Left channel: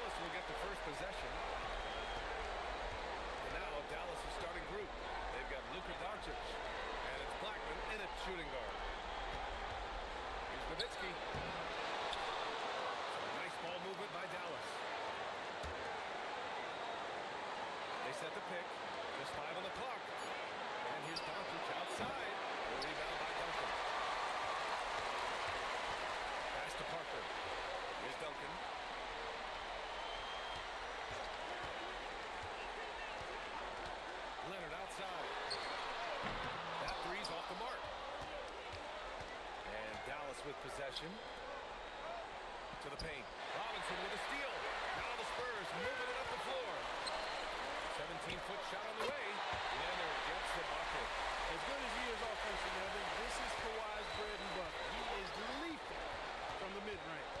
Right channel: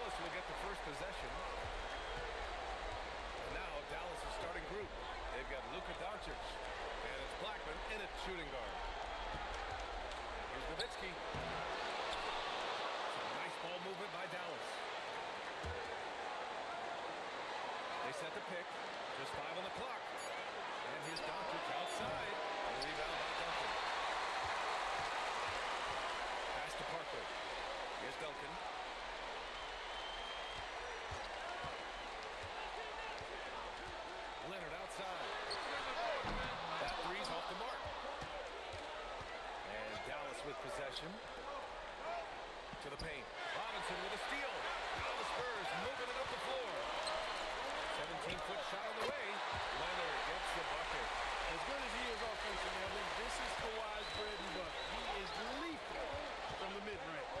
Dallas will get the first possession. And now Dallas' starting group. They've got Luka Dončić, and it's Blackman in at shooting guard. Here's Nowitzki. Some nice ball movement by Dallas. They set the pick. Just 5 on the clock. And here's Doncic outside. A rebound by Duncan. Pass to Parker. Here's Duncan. Leonard outside. That three's off the mark. And Dallas with possession. To the paint. Robinson with a steal. Now the Spurs moving it up the floor. 17-foot shot on the way. Leonard gets the bucket. As good as he is offensively, Evan, this is Kawhi's bread and butter. He is lethal from the mid-range.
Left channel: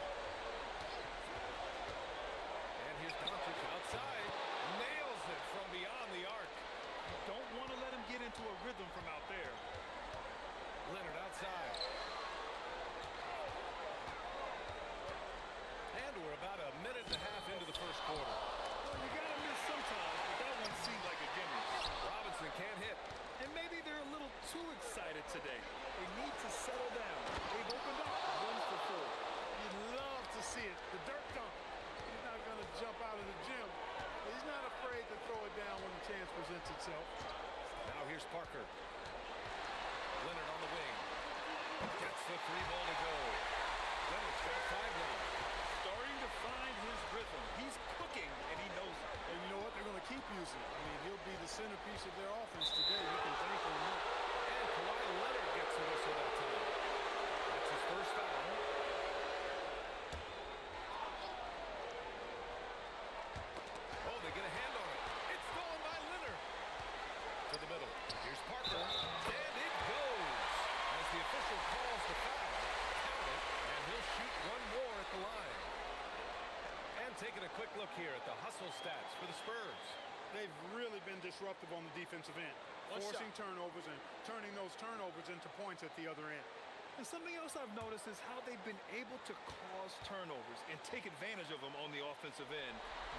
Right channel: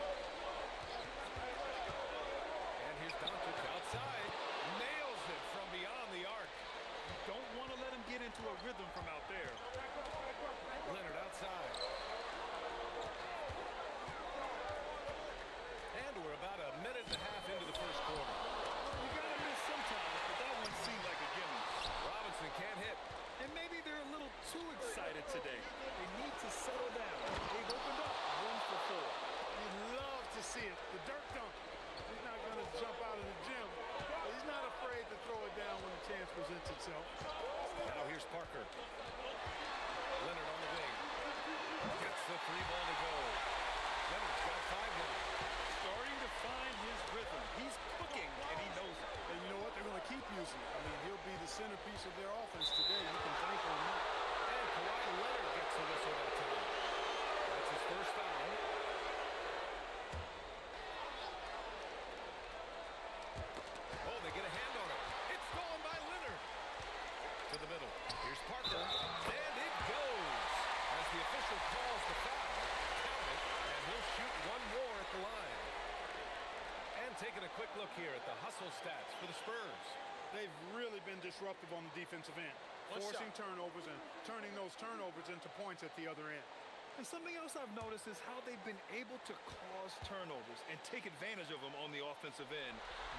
And here's Doncic outside. Nails it from beyond the arc. You don't want to let him get into a rhythm from out there. Leonard outside. And we're about a minute and a half into the first quarter. Well, you got to miss sometimes, but that one seemed like a gimme. Robinson can't hit. And maybe they're a little too excited today. They need to settle down. They've opened up 1 for 4. You'd love to see it. The Dirk dunk. He's not going to jump out of the gym. But he's not afraid to throw it down when the chance presents itself. Now here's Parker. Leonard on the wing. Gets the 3-ball to go. Leonard's got 5 now. Starting to find his rhythm. He's cooking, and he knows it. And you know what? They're going to keep using it. I mean, he'll be the centerpiece of their offense today. You can thank him. And Kawhi Leonard gets a whistle that time. That's his first foul. Oh, they get a hand on it. It's stolen by Leonard. To the middle. Here's Parker. And it goes. As the official calls the foul. Count it. And he'll shoot one more at the line. And taking a quick look here at the hustle stats for the Spurs. They've really been disruptive on the defensive end. Forcing turnovers and turning those turnovers into points at the other end. And something else I've noticed is how they've been able to cause turnovers and take advantage of them on the offensive end,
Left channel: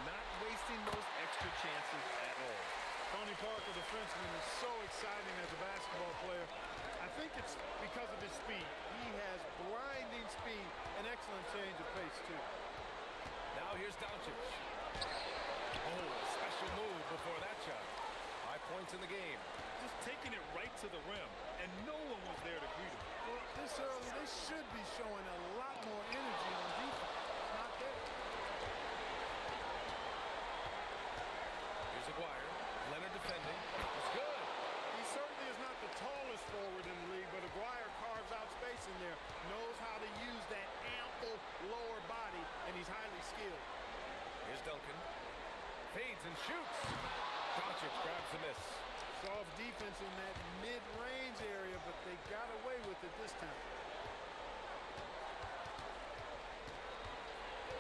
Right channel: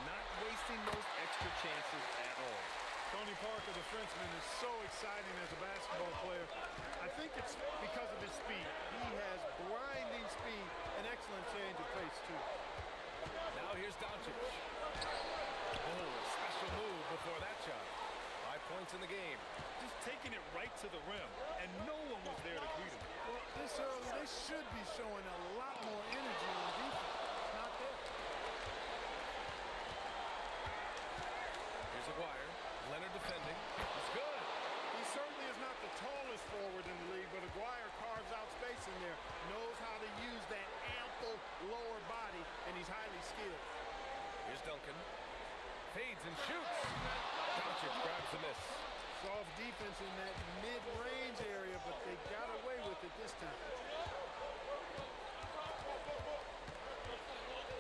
not wasting those extra chances at all. Tony Parker, the Frenchman, is so exciting as a basketball player. I think it's because of his speed. He has blinding speed and excellent change of pace, too. Now here's Doncic. Oh, a special move before that shot. 5 points in the game. Just taking it right to the rim, and no one was there to greet him. Well, this early, they should be showing a lot more energy on defense. It's not there. Here's Aguirre. Leonard defending. It's good. He certainly is not the tallest forward in the league, but Aguirre carves out space in there, knows how to use that ample lower body, and he's highly skilled. Here's Duncan. Fades and shoots. Doncic grabs the miss. Soft defense in that mid-range area, but they got away with it this time.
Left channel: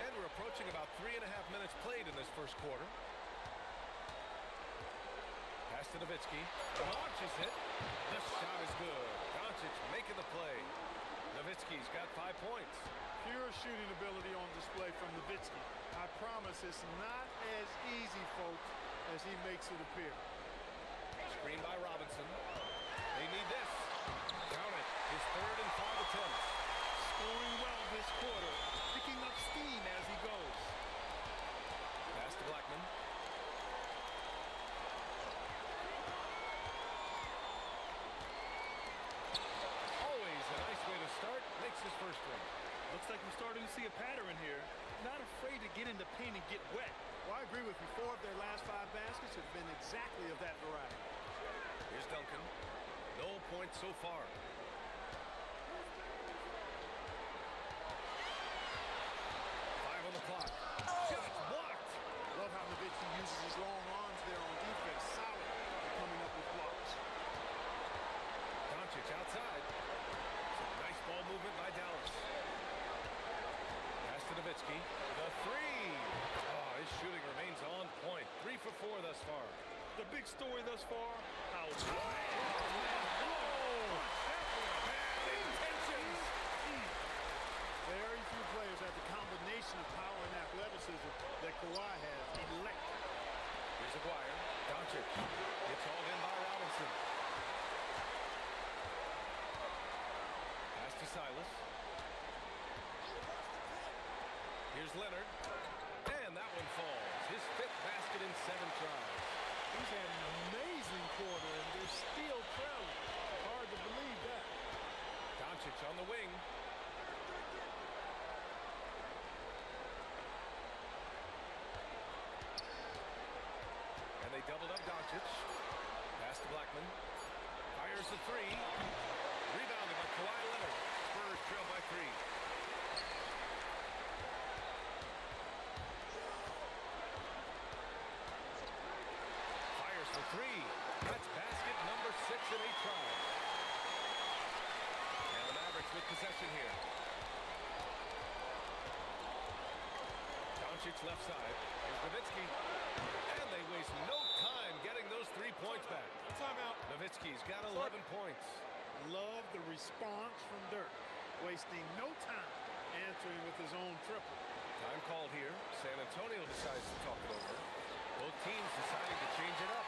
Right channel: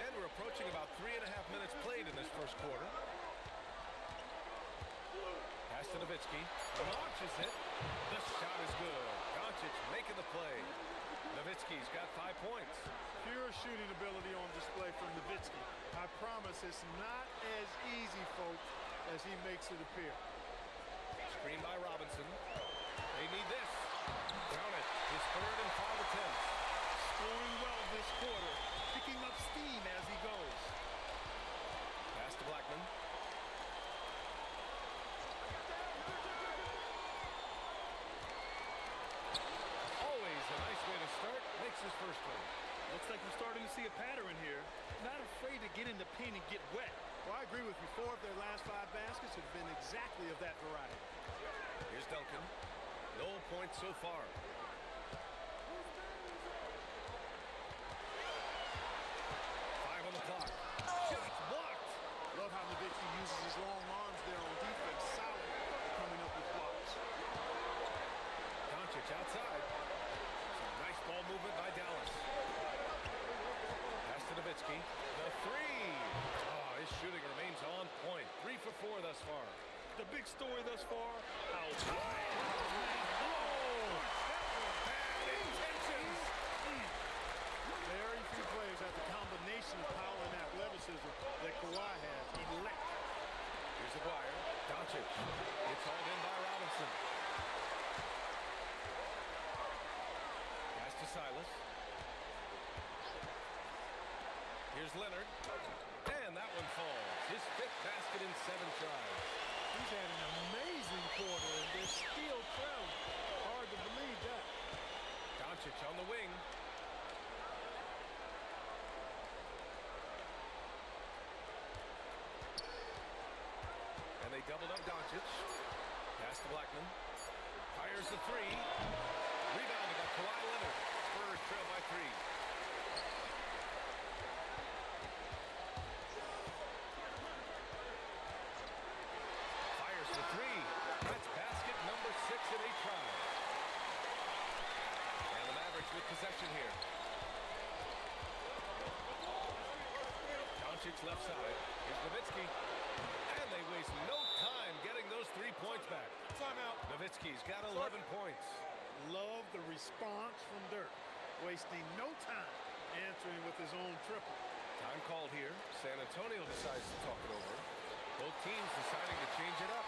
And we're approaching about 3.5 minutes played in this first quarter. Pass to Nowitzki. Launches it. The shot is good. Doncic making the play. Nowitzki's got 5 points. Pure shooting ability on display from Nowitzki. I promise it's not as easy, folks, as he makes it appear. Screen by Robinson. They need this. Count it. His 3rd and 5 attempts. Scoring well this quarter. Picking up steam as he goes. Pass to Blackman. Always a nice way to start. Makes his first one. Looks like we're starting to see a pattern here. Not afraid to get in the paint and get wet. Well, I agree with you. 4 of their last 5 baskets have been exactly of that variety. Here's Duncan. No points so far. 5 on the clock. Shots blocked. Love how Nowitzki uses his long arms there on defense. Solid at coming up with blocks. Doncic outside. Some nice ball movement by Dallas. Pass to Nowitzki. The 3. Oh, his shooting remains on point. 3 for 4 thus far. The big story thus far, how bad intentions. Very few players have the combination combination of power and athleticism that Kawhi has. Electric. Here's Aguirre. Doncic. It's hauled in by Robinson. Pass to Silas. Here's Leonard. And that one falls. His 5th basket in 7 tries. He's had an amazing quarter, and they're still trailing. Hard to believe that. Doncic on the wing. And they doubled up Doncic. Pass to Blackman. Fires the 3. Rebounded by Kawhi Leonard. Spurs trail by 3. Fires for 3. That's basket number 6 in 8 tries. And the Mavericks with possession here. Doncic left side. Here's Nowitzki. And they waste no time getting those 3 points back. Timeout. Nowitzki's got 11 points. Love the response from Dirk. Wasting no time answering with his own triple. Time called here. San Antonio decides to talk it over. Both teams deciding to change it up.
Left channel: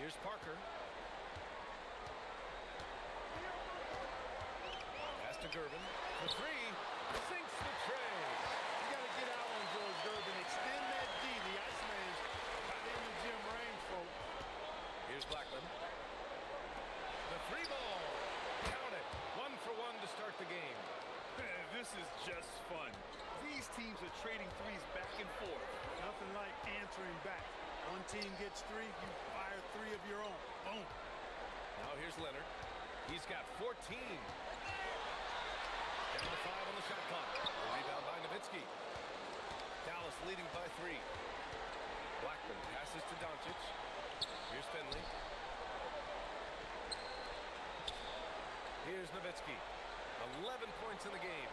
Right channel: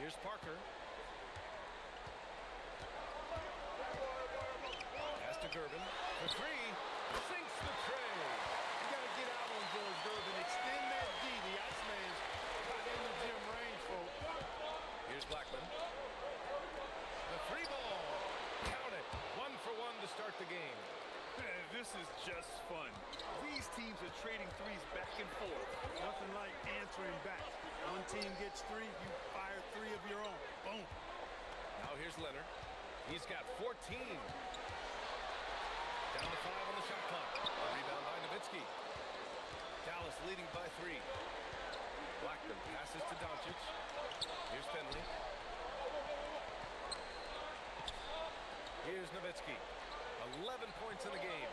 Here's Parker. Pass to Gervin. The 3. Sinks the tray. You got to get out on George Gervin. Extend that D. The Iceman's got in the gym range, folks. Here's Blackman. The 3 ball. Count it. 1 for 1 to start the game. This is just fun. These teams are trading threes back and forth. Nothing like answering back. One team gets 3, you fire 3 of your own. Boom. Now here's Leonard. He's got 14. Down to 5 on the shot clock. A rebound by Nowitzki. Dallas leading by 3. Blackman passes to Doncic. Here's Finley. Here's Nowitzki. 11 points in the game.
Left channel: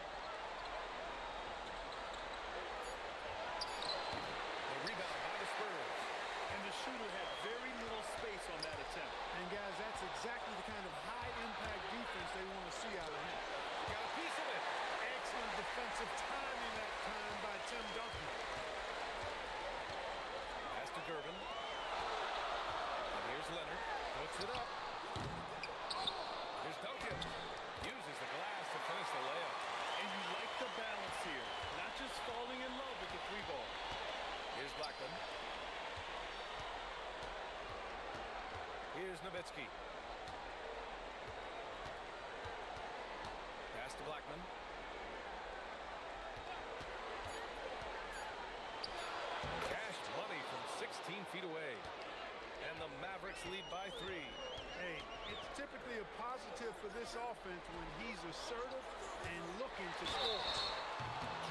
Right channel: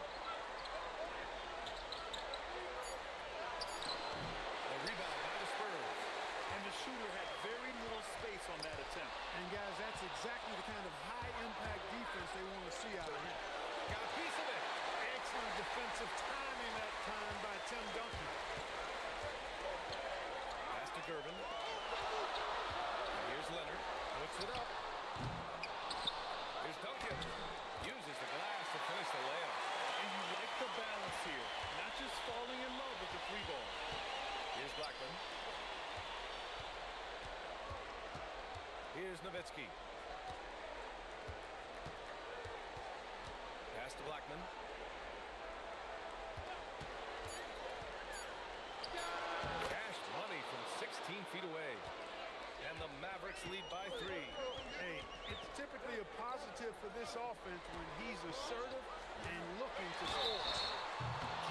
The rebound by the Spurs. And the shooter had very little space on that attempt. And guys, that's exactly the kind of high-impact defense they want to see out of him. Got a piece of it. Excellent defensive timing that time by Tim Duncan. Pass to Gervin. And here's Leonard. Puts it up. Here's Duncan. Uses the glass to finish the layup. And you like the balance here. Not just falling in love with the 3 ball. Here's Blackman. Here's Nowitzki. Pass to Blackman. Cash money from 16 feet away. And the Mavericks lead by 3. Hey, it's typically a positive for this offense when he's assertive and looking to score.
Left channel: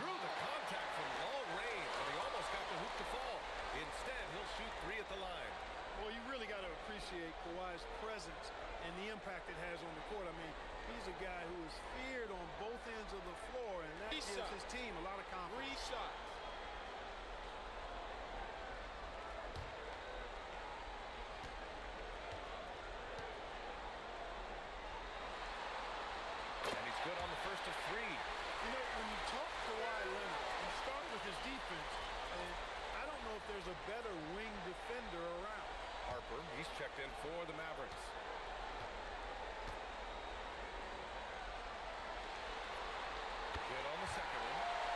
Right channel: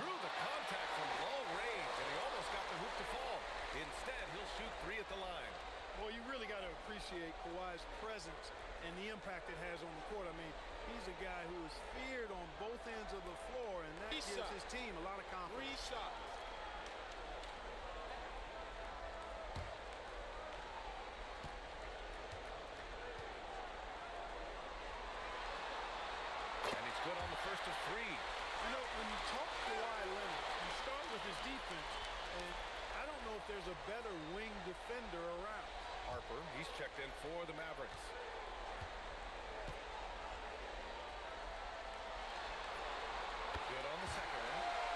Drew the contact from long range, and he almost got the hoop to fall. Instead, he'll shoot 3 at the line. Well, you really got to appreciate Kawhi's presence and the impact it has on the court. I mean, he's a guy who is feared on both ends of the floor, and that gives his team a lot of confidence. 3 shots. And he's good on the first of 3. You know, when you talk Kawhi Leonard, you start with his defense, and I don't know if there's a better wing defender around. Harper, he's checked in for the Mavericks. Good on the second one.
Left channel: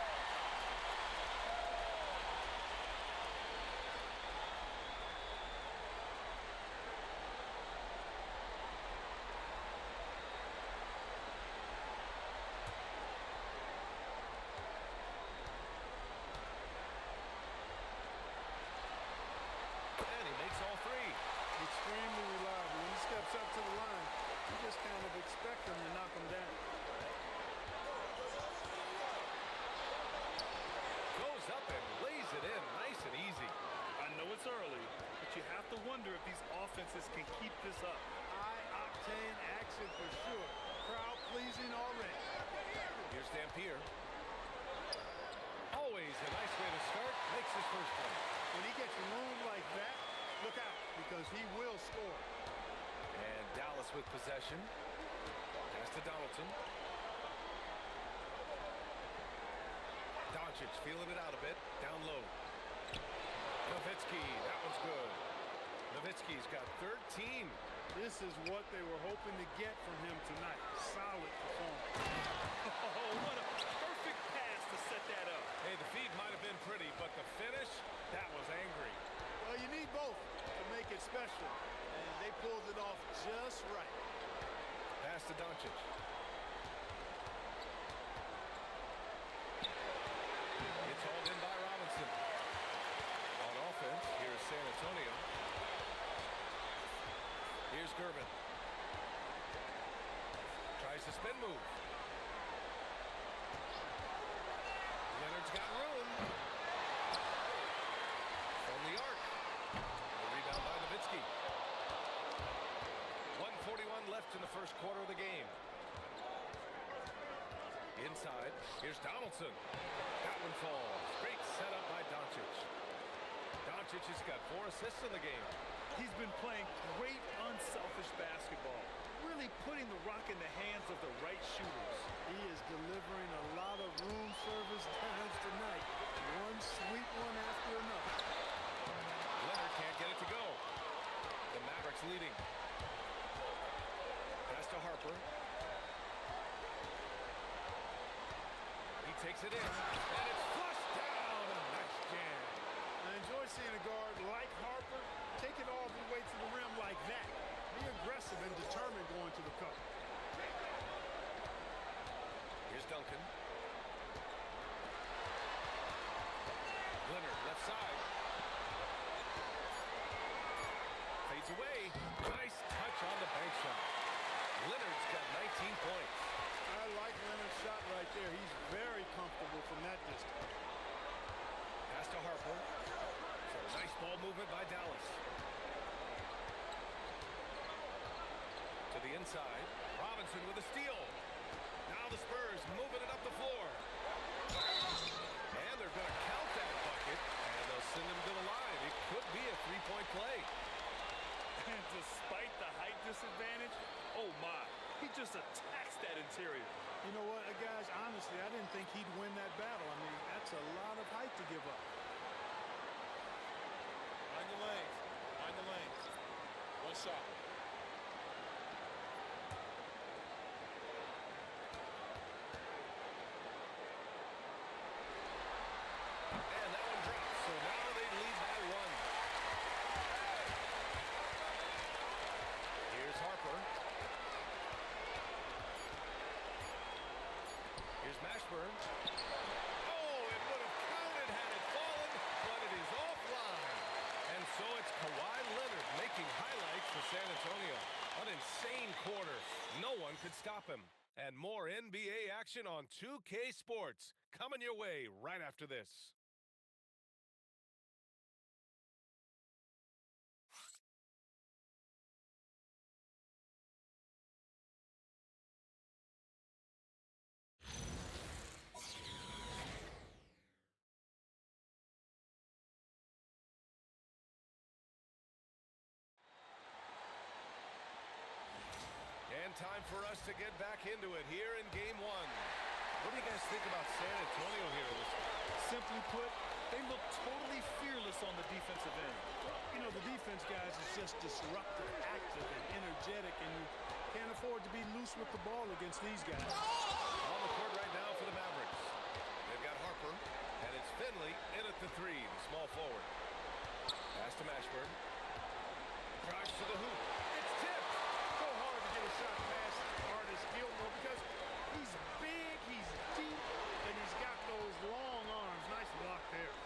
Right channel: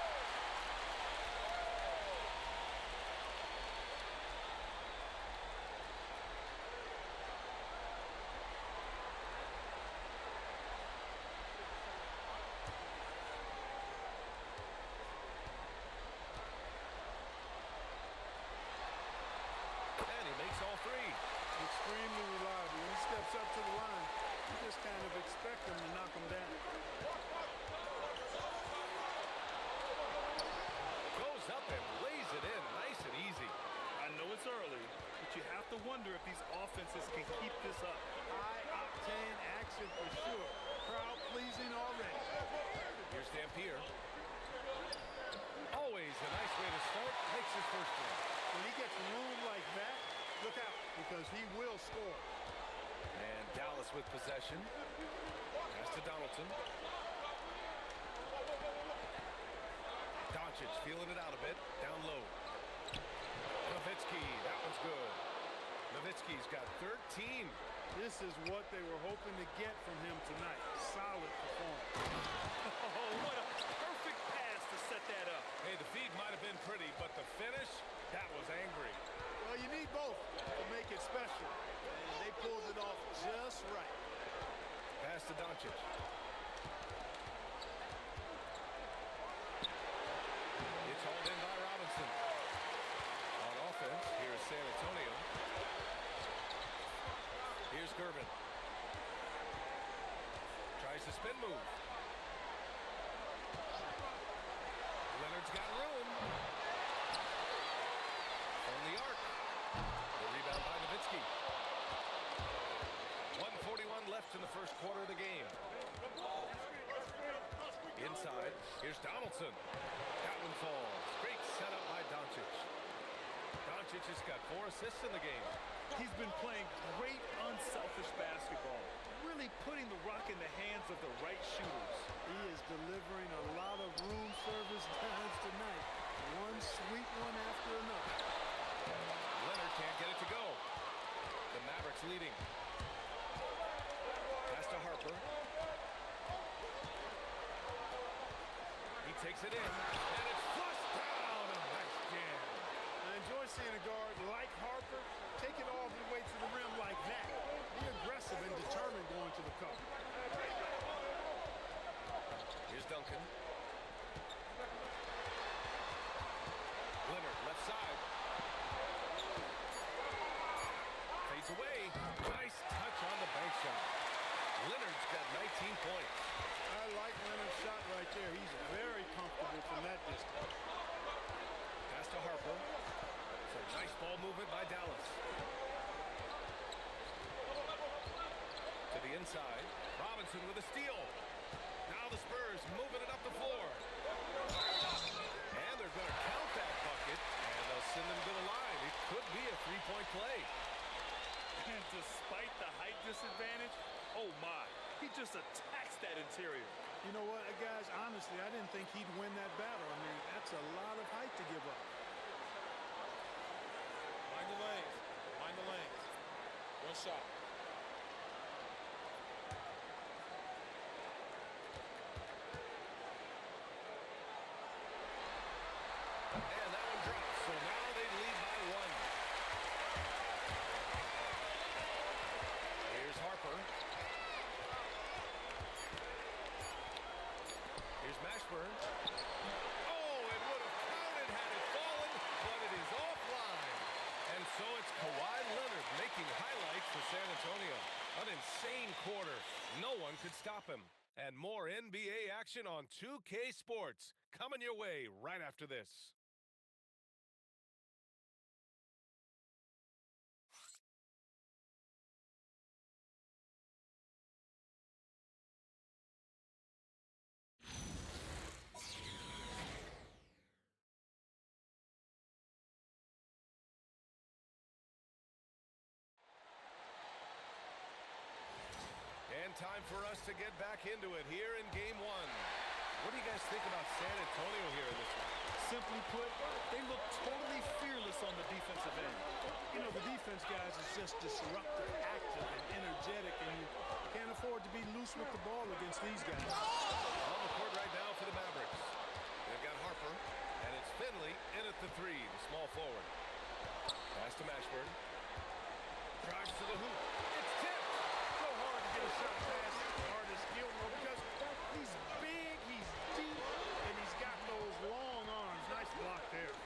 And he makes all 3. Extremely reliable. When he steps up to the line, you just kind of expect him to knock him down. Goes up and lays it in nice and easy. I know it's early, but you have to wonder if these offenses can keep this up. High-octane action for sure. Crowd pleasing already. Here's Dan up here. Always a nice way to start. Makes his first one. When he gets room like that, look out, because he will score. And Dallas with possession. Pass to Donaldson. Doncic feeling it out a bit. Down low. Nowitzki, that one's good. Nowitzki's got 13. This is what they were hoping to get from him tonight. Solid performance. Oh, what a perfect pass to set that up. Hey, the feed might have been pretty, but the finish, that was angry. Well, you need both to make it special, and they pulled it off just right. Pass to Doncic. It's hauled in by Robinson. On offense, here's San Antonio. Here's Gervin. Tries to spin move. Leonard's got room. From the arc. The rebound by Nowitzki. 1:41 left in the first quarter of the game. Inside, here's Donaldson. That one falls. Great setup by Doncic. Doncic has got 4 assists in the game. He's been playing great unselfish basketball, really putting the rock in the hands of the right shooters. He is delivering a lot of room service dimes tonight. One sweet one after another. Leonard can't get it to go. The Mavericks leading. Pass to Harper. He takes it in, and it's flushed down. A nice jam. I enjoy seeing a guard like Harper take it all the way to the rim like that. Be aggressive and determined going to the cup. Here's Duncan. Leonard, left side. Fades away. Nice touch on the bank shot. Leonard's got 19 points. I like Leonard's shot right there. He's very comfortable from that distance. Pass to Harper. Some nice ball movement by Dallas. To the inside. Robinson with a steal. Now the Spurs moving it up the floor. And they're going to count that bucket, and they'll send them to the line. It could be a three-point play. And despite the height disadvantage, oh my, he just attacks that interior. You know what, guys, honestly, I didn't think he'd win that battle. I mean, that's a lot of height to give up. Mind the lanes. Mind the lanes. One shot. And that one drops, so now they lead by 1. Here's Harper. Here's Mashburn. Oh, it would have counted had it fallen, but it is offline. And so it's Kawhi Leonard making highlights for San Antonio. An insane quarter. No one could stop him. And more NBA action on 2K Sports coming your way right after this. And time for us to get back into it here in Game 1. What do you guys think about San Antonio here in this one? Simply put, they look totally fearless on the defensive end. You know, the defense, guys, is just disruptive, active, and energetic, and you can't afford to be loose with the ball against these guys. On the court right now for the Mavericks. They've got Harper, and it's Finley in at the 3, the small forward. Pass to Mashburn. Drives to the hoop. It's tipped. So hard to get a shot past Artis Gilmore because he's big, he's deep, and he's got those long arms. Nice block there.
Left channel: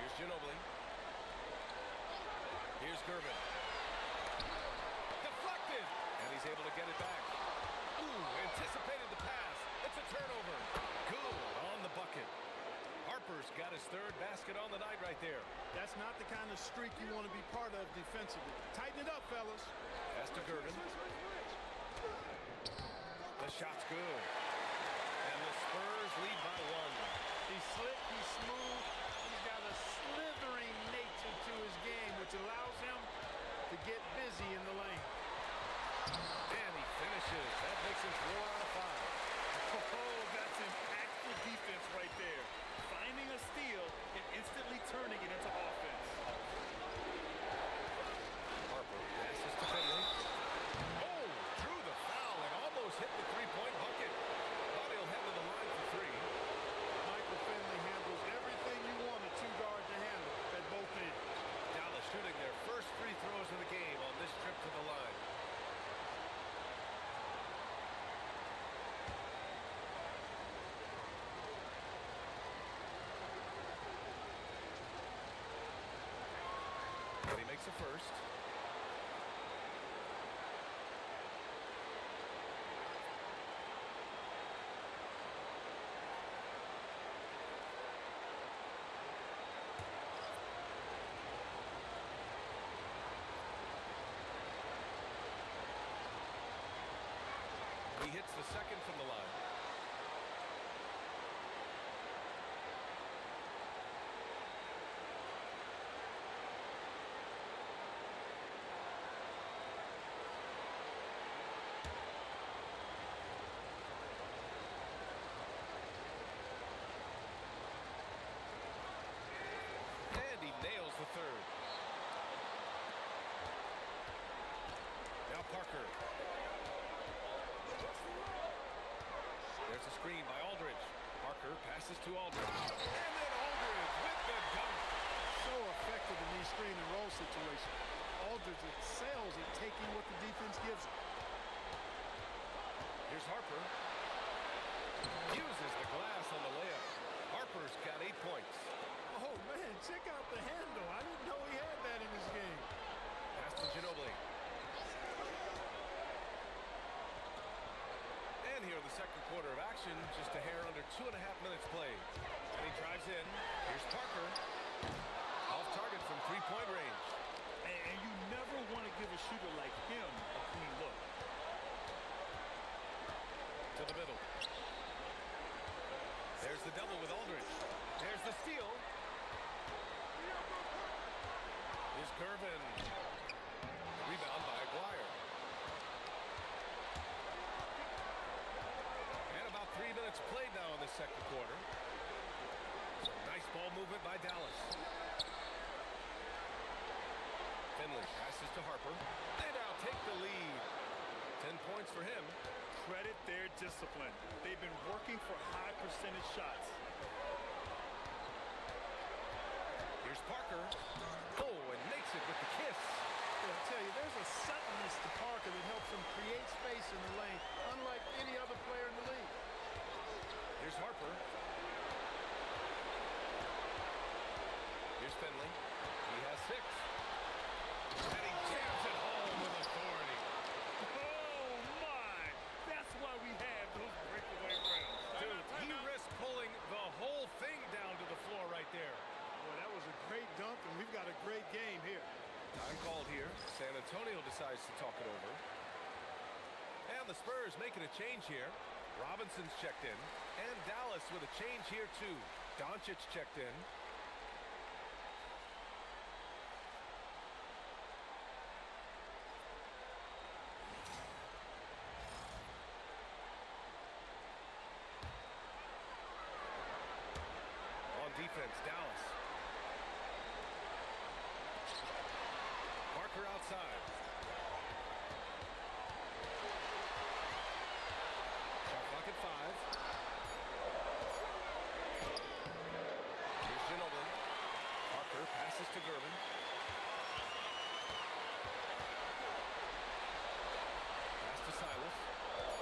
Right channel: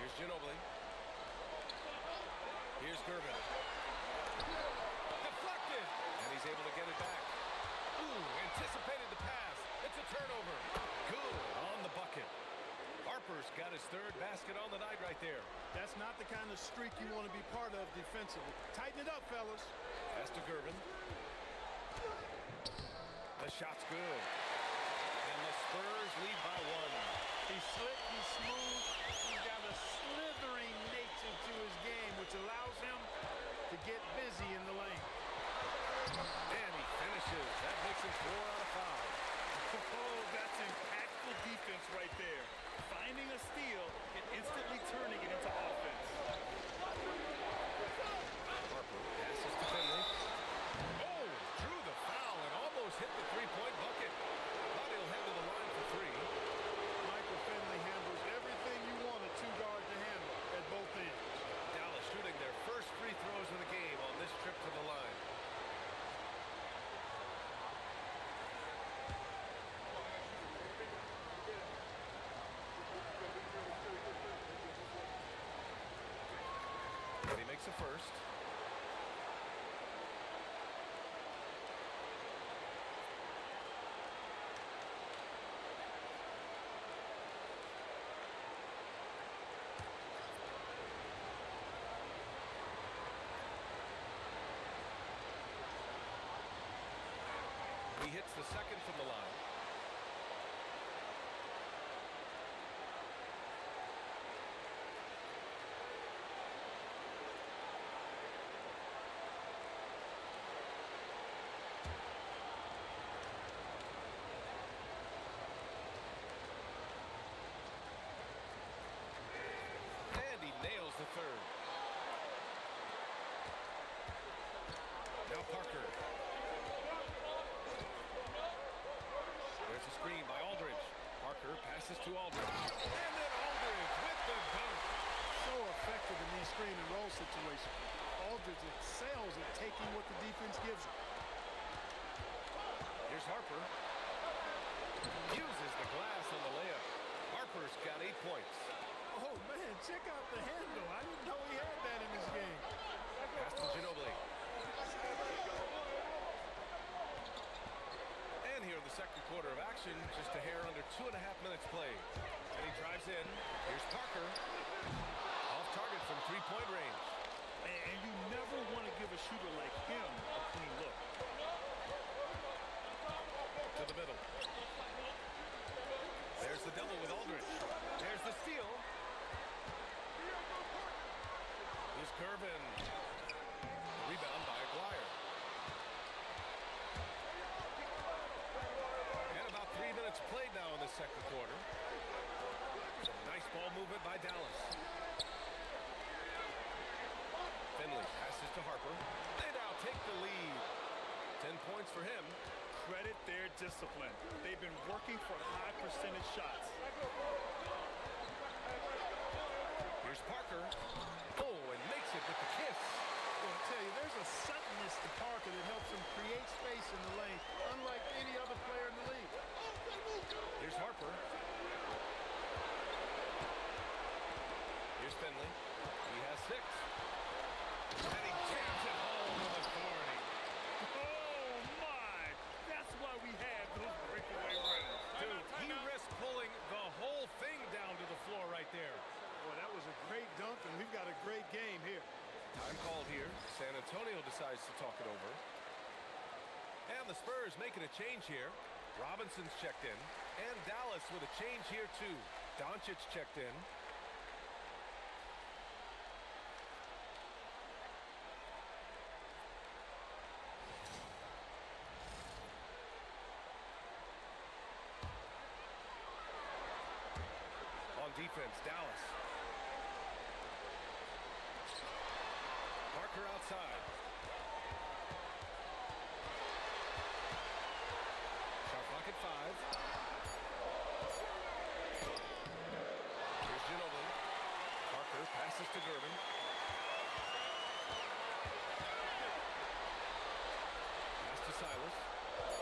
Here's Ginobili. Here's Gervin. Deflected. And he's able to get it back. Ooh, anticipated the pass. It's a turnover. Good on the bucket. Harper's got his 3rd basket on the night right there. That's not the kind of streak you want to be part of defensively. Tighten it up, fellas. Pass to Gervin. The shot's good. And the Spurs lead by 1. He's slick, he's smooth, he's got a slithering nature to his game, which allows him to get busy in the lane. And he finishes. That makes him 4 out of 5. Oh, that's impactful defense right there. Finding a steal and instantly turning it into offense. Harper passes to Finley. Oh, drew the foul and almost hit the three-point bucket. But he'll head to the line for 3. Michael Finley handles everything you want a two-guard to handle at both ends. Dallas shooting their first free throws of the game on this trip to the line. And he makes a first. He hits the second from the line. And he nails the third. Now Parker. There's a screen by Aldridge. Parker passes to Aldridge. And then Aldridge with the dunk. So effective in these screen and roll situations. Aldridge excels at taking what the defense gives him. Here's Harper. Uses the glass on the layup. Harper's got 8 points. Oh, man, check out the handle. I didn't know he had that in his game. Pass to Ginobili. And here in the second quarter of action, just a hair under 2.5 minutes played. And he drives in. Here's Parker. Off target from three-point range. And you never want to give a shooter like him a clean look. To the middle. There's the double with Aldridge. There's the steal. Here's Gervin. Rebound by Aguirre. And about 3 minutes played now in the second quarter. Some nice ball movement by Dallas. Finley passes to Harper. They now take the lead. 10 points for him. Credit their discipline. They've been working for high percentage shots. Here's Parker. Oh, and makes it with the kiss. Well, I tell you, there's a suddenness to Parker that helps him create space in the lane, unlike any other player in the league. Here's Harper. Here's Finley. He has 6. And he jams it home with authority. Oh, my! That's why we have those breakaway runs. Dude, he risked pulling the whole thing down to the floor right there. Boy, that was a great dunk, and we've got a great game here. Time called here. San Antonio decides to talk it over. And the Spurs making a change here. Robinson's checked in. And Dallas with a change here too. Doncic checked in. On defense, Dallas. Parker outside. Shot clock at 5. Here's Ginobili. Parker passes to Gervin. Pass to Silas.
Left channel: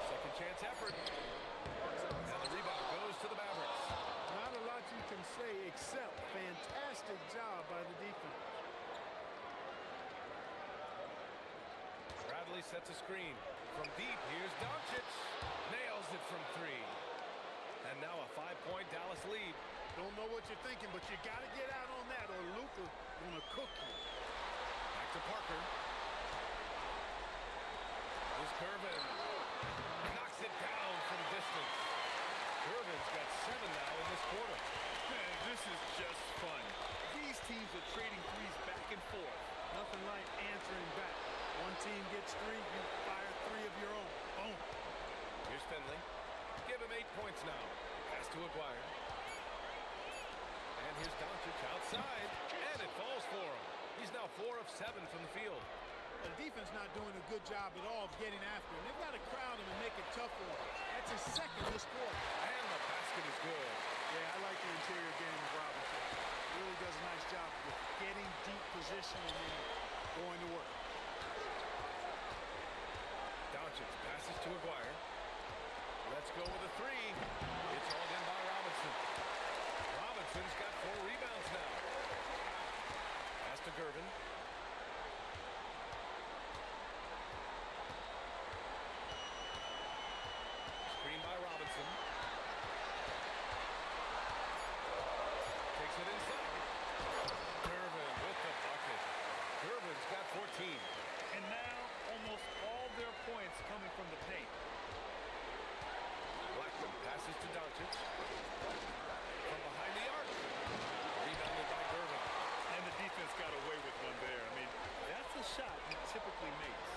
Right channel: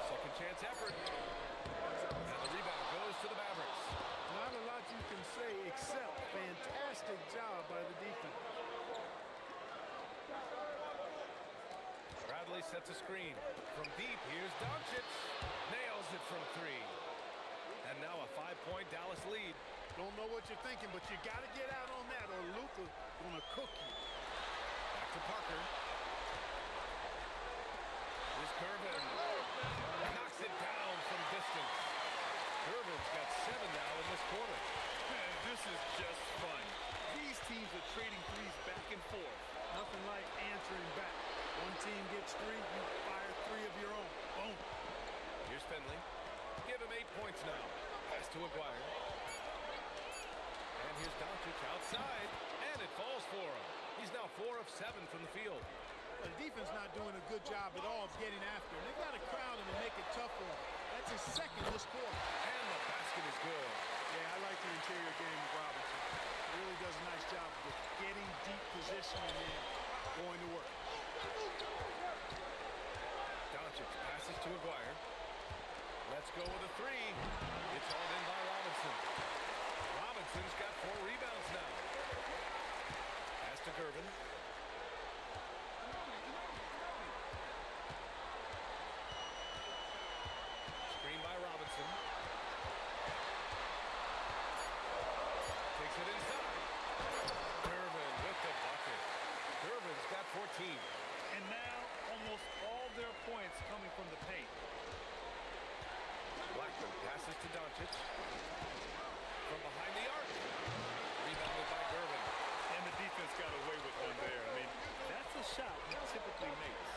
Second chance effort. And the rebound goes to the Mavericks. Not a lot you can say except fantastic job by the defense. Bradley sets a screen. From deep, here's Doncic. Nails it from 3. And now a 5-point Dallas lead. Don't know what you're thinking, but you got to get out on that or Luka gonna cook you. Back to Parker. Here's Gervin. Knocks it down from distance. Irvin's got 7 now in this quarter. Man, this is just fun. These teams are trading threes back and forth. Nothing like answering back. One team gets 3, you fire 3 of your own. Boom. Here's Finley. Give him 8 points now. Pass to Aguirre. And here's Doncic outside. And it falls for him. He's now 4 of 7 from the field. The defense not doing a good job at all of getting after him. They've got to crowd him and make it tough for him. That's his second this quarter. And the basket is good. Yeah, I like the interior game of Robinson. He really does a nice job with getting deep position and then going to work. Doncic passes to Aguirre. Let's go with a 3. It's hauled in by Robinson. Robinson's got 4 rebounds now. Pass to Gervin. Screen by Robinson. Takes it inside. Gervin with the bucket. Gervin's got 14. And now almost all their points coming from the paint. Blackman passes to Doncic. From behind the arc. Rebounded by Gervin. And the defense got away with one there. I mean, that's a shot he typically makes.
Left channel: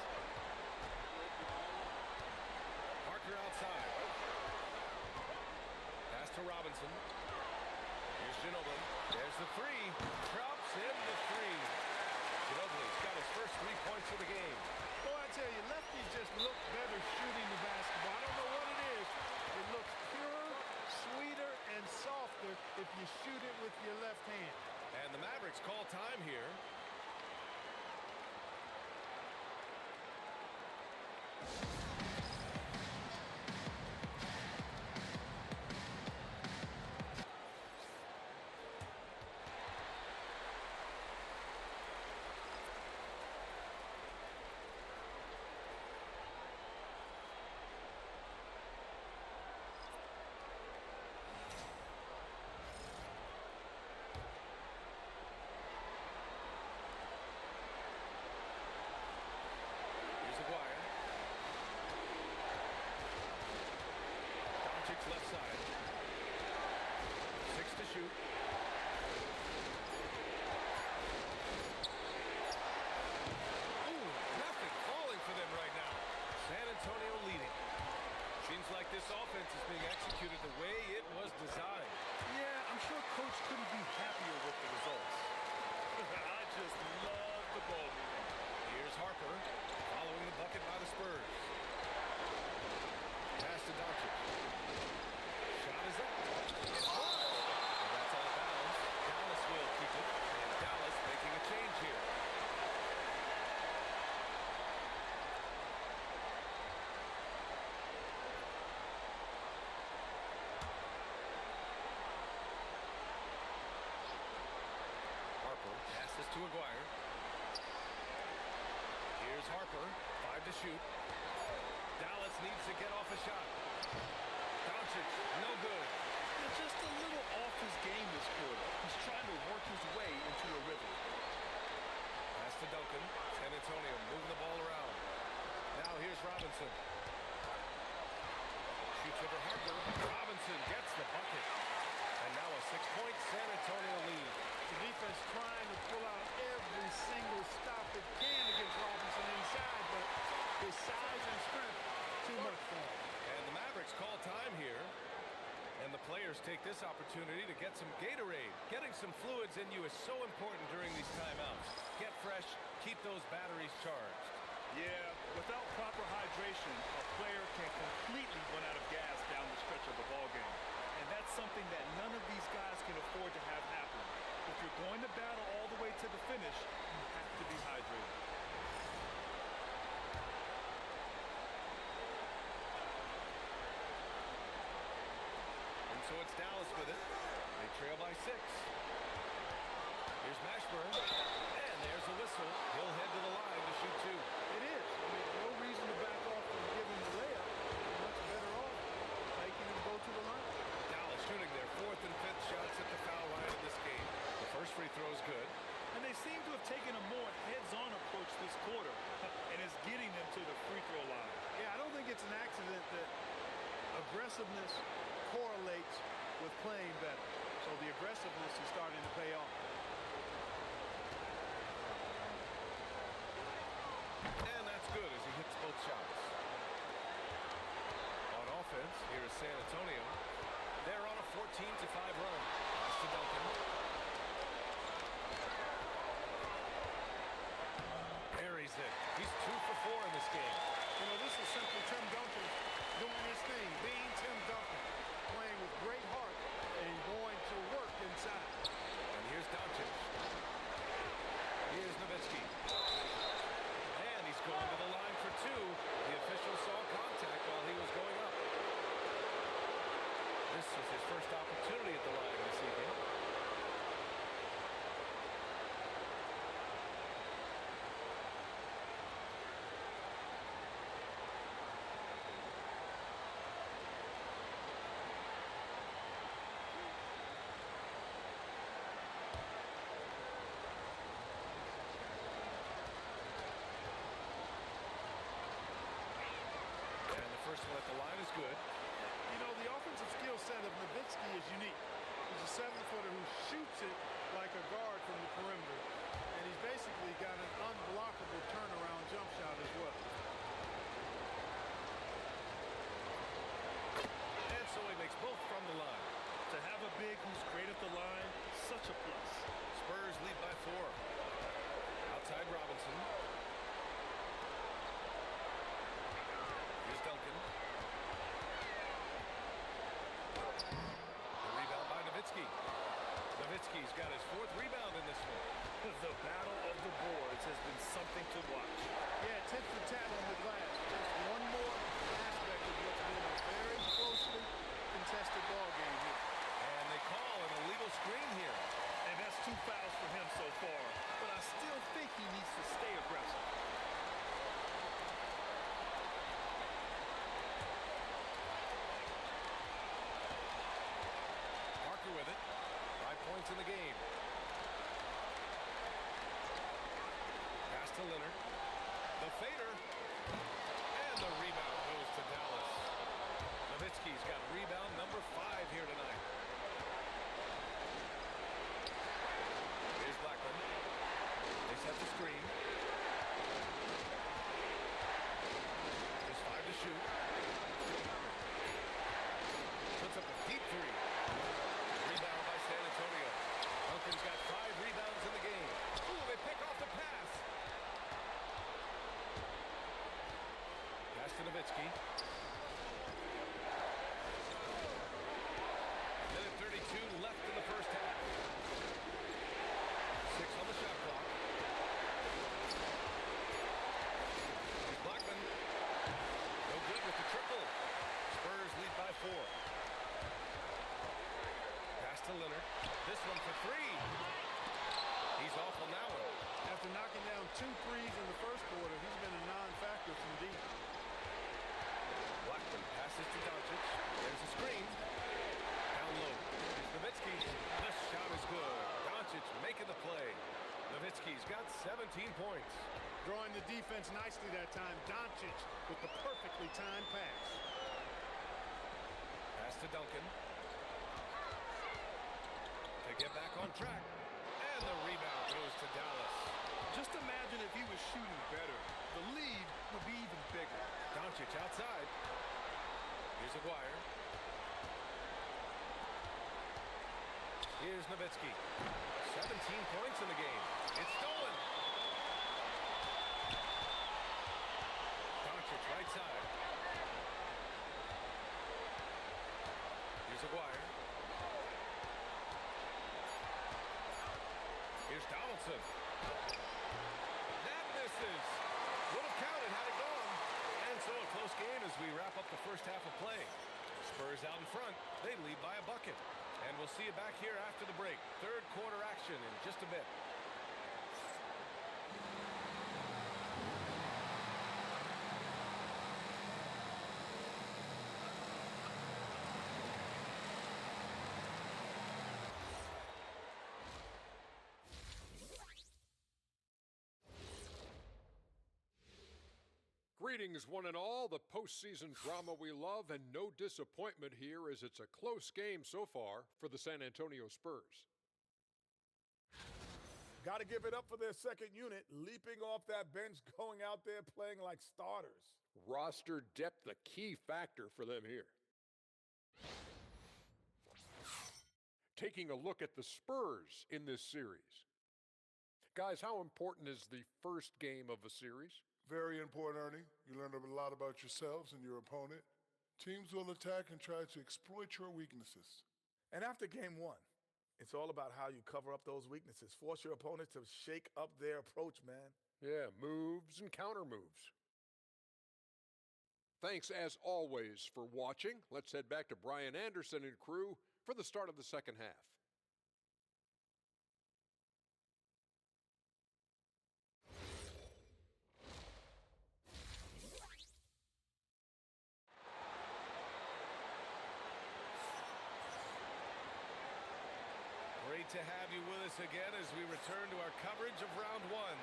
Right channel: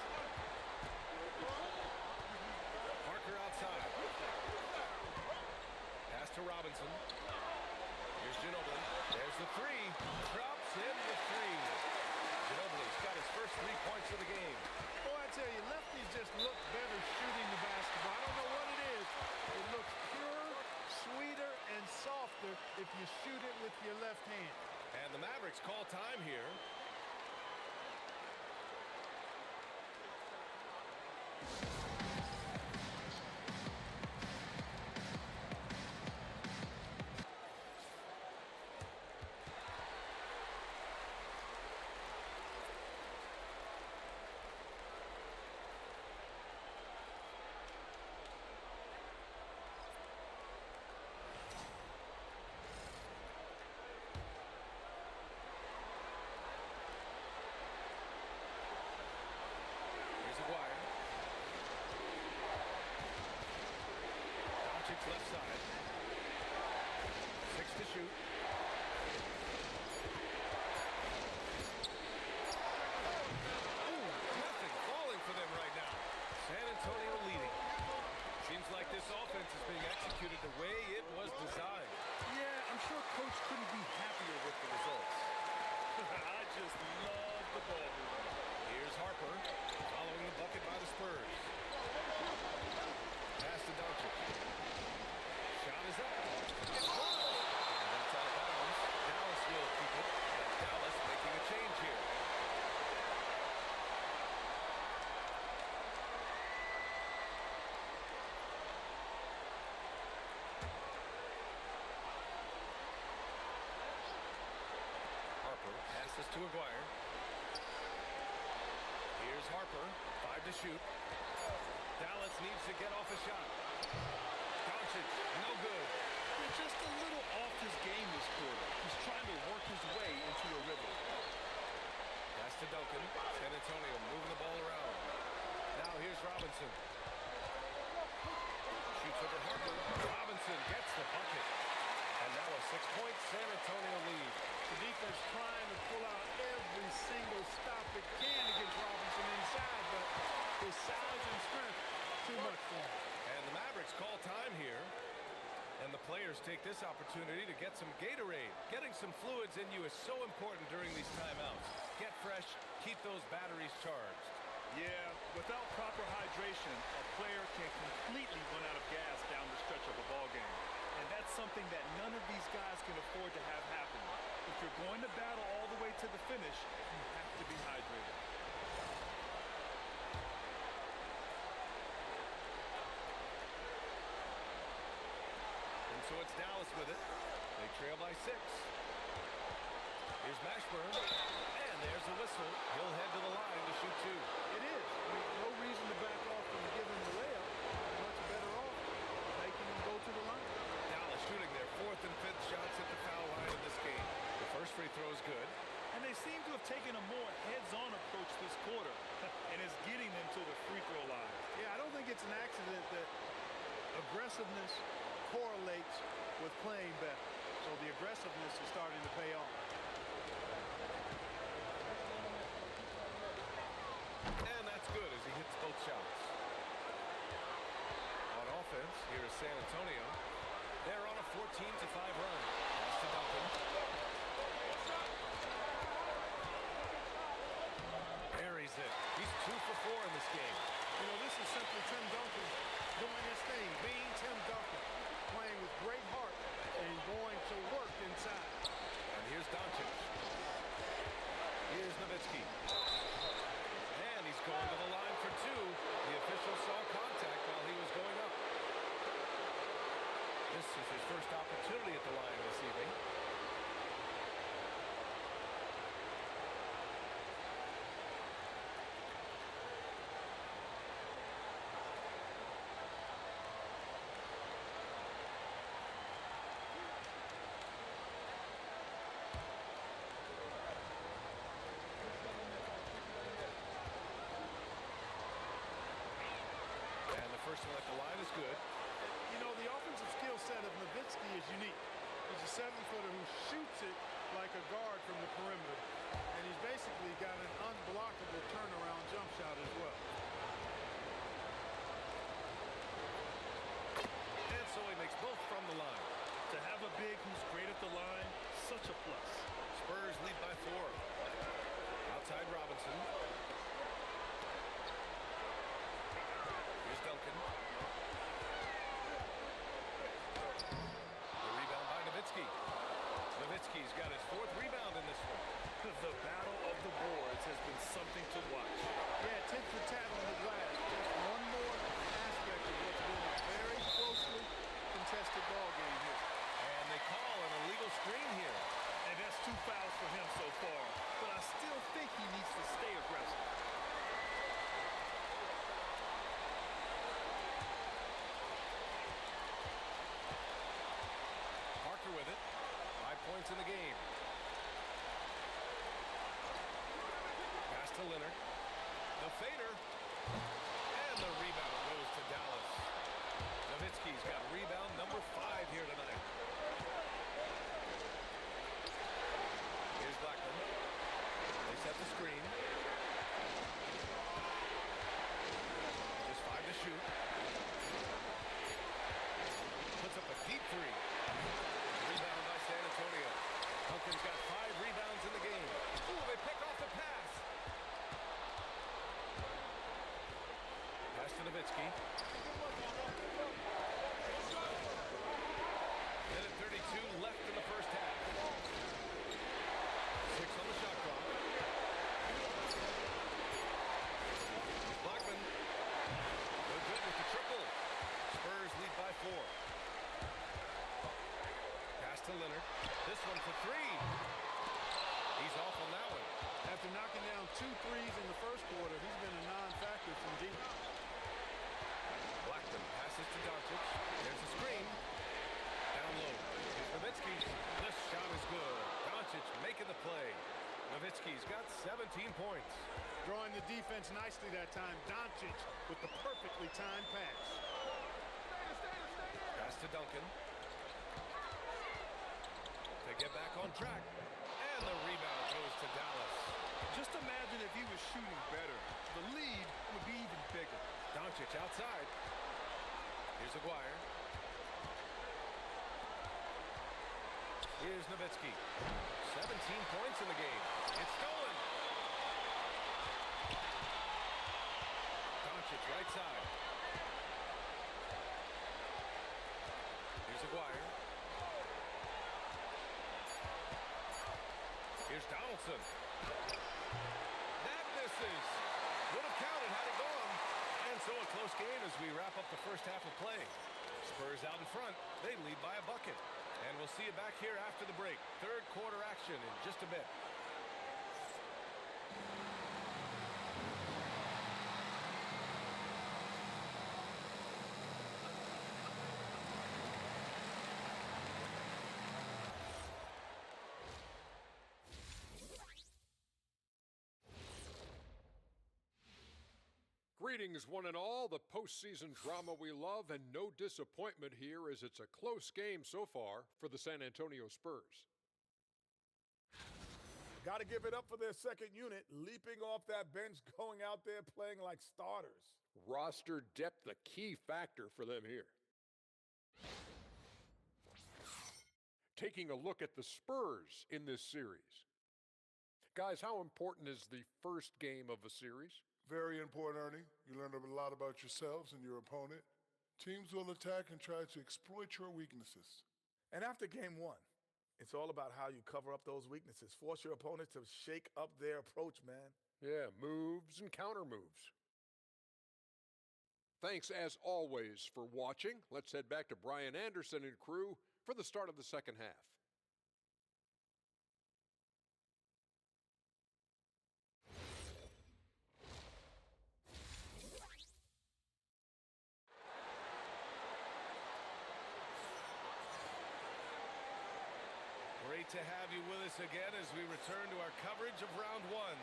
Parker outside. Pass to Robinson. Here's Ginobili. There's the 3. Drops in the 3. Ginobili's got his first 3 points of the game. Boy, I tell you, lefties just look better shooting the basketball. I don't know what it is. It looks purer, sweeter, and softer if you shoot it with your left hand. And the Mavericks call time here. Aguirre. Doncic left side. 6 to shoot. Ooh, nothing falling for them right now. San Antonio leading. Seems like this offense is being executed the way it was designed. Yeah, I'm sure Coach couldn't be happier with the results. I just love the ball movement. Here's Harper, following the bucket by the Spurs. Pass to Doncic. Shot is up. It's blocked. And that's out of bounds. Dallas will keep it. And Dallas making a change here. Harper passes to Aguirre. Here's Harper, 5 to shoot. Dallas needs to get off a shot. Doncic, no good. They're just a little off his game this quarter. He's trying to work his way into a rhythm. Pass to Duncan. San Antonio moving the ball around. Now here's Robinson. Shoots over Harper. Robinson gets the bucket. And now a 6-point San Antonio lead. The defense trying to pull out every single stop it can against Robinson inside, but his size and strength, too much for him. And the Mavericks call time here. And the players take this opportunity to get some Gatorade. Getting some fluids in you is so important during these timeouts. Get fresh, keep those batteries charged. Yeah, without proper hydration, a player can completely run out of gas down the stretch of a ball game. And that's something that none of these guys can afford to have happen. If you're going to battle all the way to the finish, you have to be hydrated. And so it's Dallas with it. They trail by 6. Here's Mashburn. And there's a whistle. He'll head to the line to shoot 2. It is. I mean, no reason to back off from giving the layup. Much better off making him go to the line. Dallas shooting their 4th and 5th shots at the foul line in this game. The first free throw is good. And they seem to have taken a more heads-on approach this quarter, and it's getting them to the free throw line. Yeah, I don't think it's an accident that aggressiveness, correlates with playing better. So the aggressiveness is starting to pay off. And that's good as he hits both shots. On offense, here is San Antonio. They're on a 14-5 run. Pass to Duncan. Buries it. He's 2 for 4 in this game. You know, this is simply Tim Duncan doing his thing, being Tim Duncan, playing with great heart and going to work inside. And here's Doncic. Here's Nowitzki. And he's going to the line for 2. The official saw contact while he was going up. This is his first opportunity at the line this evening. And the first one at the line is good. You know, the offensive skill set of Nowitzki is unique. He's a 7-footer who shoots it like a guard from the perimeter. And he's basically got an unblockable turnaround jump shot as well. And so he makes both from the line. To have a big who's great at the line, such a plus. Spurs lead by 4. Outside Robinson. Here's Duncan. The rebound by Nowitzki. Nowitzki's got his 4th rebound in this one. The battle of the boards has been something to watch. Yeah, tit for tat on the glass. Just one more aspect of what's been a very closely contested ball game here. And they call an illegal screen here. And that's 2 fouls for him so far. But I still think he needs to stay aggressive. Parker with it. 5 points in the game. Pass to Leonard. The fader. And the rebound goes to Dallas. Nowitzki's got rebound number 5 here tonight. Here's Blackman. They set the screen. Just 5 to shoot. Puts up a deep 3. Rebound by San Antonio. Duncan's got 5 rebounds in the game. Ooh, they pick off the pass. Pass to Nowitzki. Minute 32 left in the first half. 6 on the shot clock. Here's Blackman. No good with the triple. Spurs lead by 4. Pass to Leonard. This one for 3. He's off on that one. After knocking down 2 threes in the first quarter, he's been a non-factor from deep. Blackman passes to Doncic. There's a screen. Down low. Here's Nowitzki. This shot is good. Doncic making the play. Nowitzki's got 17 points. Drawing the defense nicely that time. Doncic with the perfectly timed pass. Pass to Duncan. To get back on track. And the rebound goes to Dallas. Just imagine if he was shooting better. The lead would be even bigger. Doncic outside. Here's Aguirre. Here's Nowitzki. 17 points in the game. It's stolen. Doncic right side. Here's Aguirre. Here's Donaldson. That misses. Would have counted had it gone. And so a close game as we wrap up the first half of play. Spurs out in front. They lead by a bucket. And we'll see you back here after the break. Third quarter action in just a bit. Greetings, one and all. The postseason drama we love, and no disappointment here as it's a close game so far for the San Antonio Spurs. Got to give it up for their second unit, leaping off that bench, going out there playing like starters. Roster depth, a key factor for them here. Taking a look at the Spurs in this series. Guys, how important is the first game of a series? Very important, Ernie. You learn a lot about yourselves and your opponent. Teams will attack and try to exploit your weaknesses. And after game one, it's all about how you cover up those weaknesses. Force your opponent to shake up their approach, man. Yeah, moves and counter moves. Thanks, as always, for watching. Let's head back to Brian Anderson and crew for the start of the second half. Great to have you with us again as we return to our coverage of round one.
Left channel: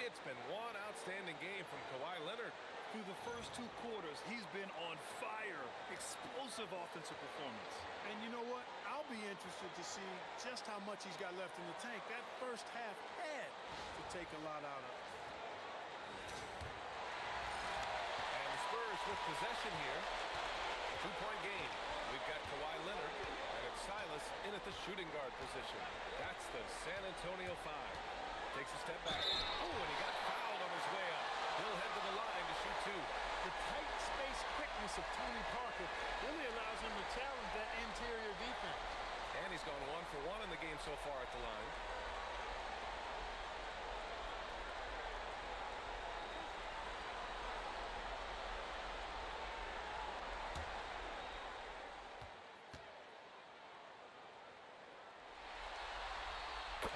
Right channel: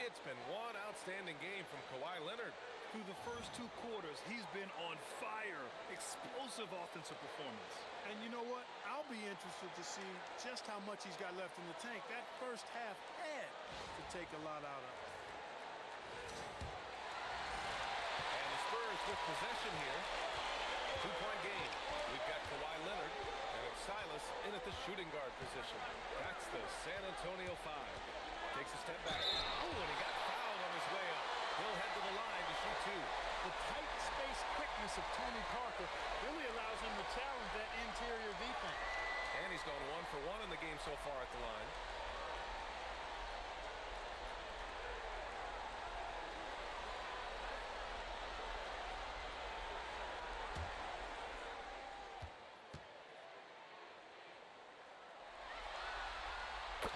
It's been one outstanding game from Kawhi Leonard. Through the first two quarters, he's been on fire. Explosive offensive performance. And you know what? I'll be interested to see just how much he's got left in the tank. That first half had to take a lot out of it. And the Spurs with possession here. Two-point game. We've got Kawhi Leonard, and it's Silas in at the shooting guard position. That's the San Antonio 5. Takes a step back. Oh, and he got fouled on his way up. He'll head to the line to shoot two. The tight space quickness of Tony Parker really allows him to challenge that interior defense. And he's gone 1 for 1 in the game so far at the line.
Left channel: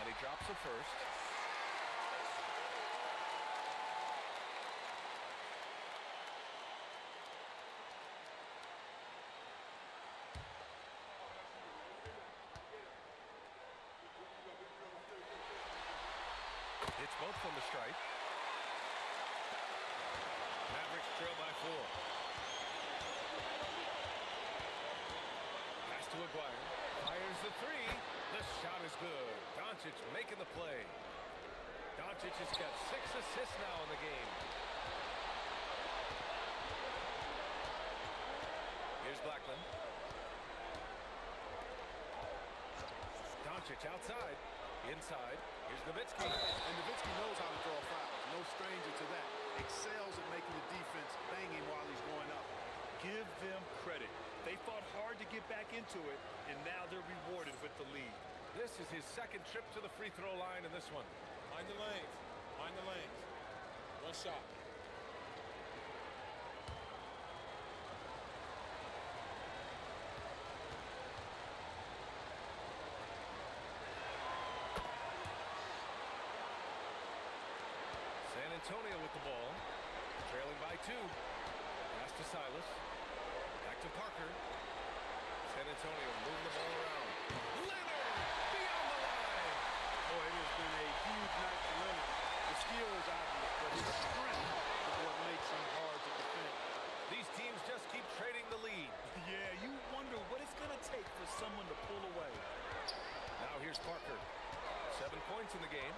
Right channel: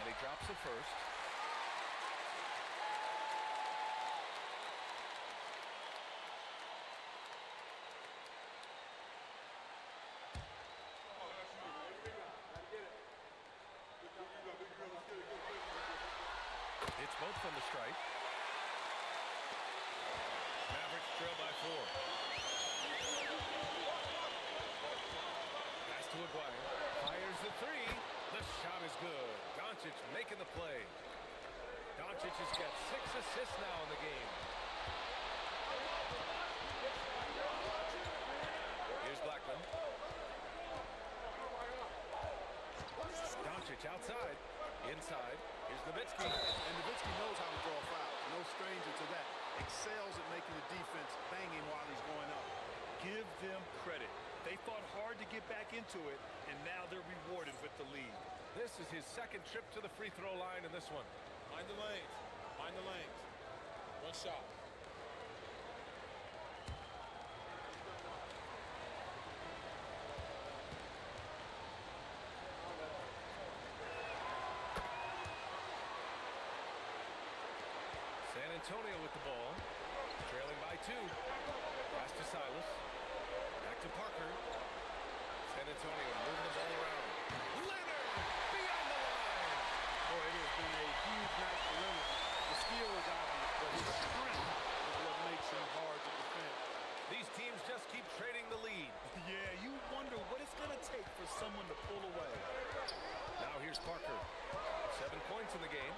And he drops it first. It's both from the stripe. Mavericks trail by 4. Pass to Aguirre. Fires the three. The shot is good. Doncic making the play. Doncic has got 6 assists now in the game. Here's Blackman. Doncic outside. Inside. Here's Nowitzki. And Nowitzki knows how to draw fouls. No stranger to that. Excels at making the defense banging while he's going up. Give them credit. They fought hard to get back into it, and now they're rewarded with the lead. This is his second trip to the free throw line in this one. Mind the lanes. Mind the lanes. One shot. San Antonio with the ball. Trailing by 2. Pass to Silas. Back to Parker. San Antonio moving the ball around. Leonard beyond the line. Boy, it has been a huge night for Leonard. The skill is obvious, but his strength is what makes him hard to defend. These teams just keep trading the lead. Yeah, you wonder what it's going to take for someone to pull away. Now here's Parker. 7 points in the game.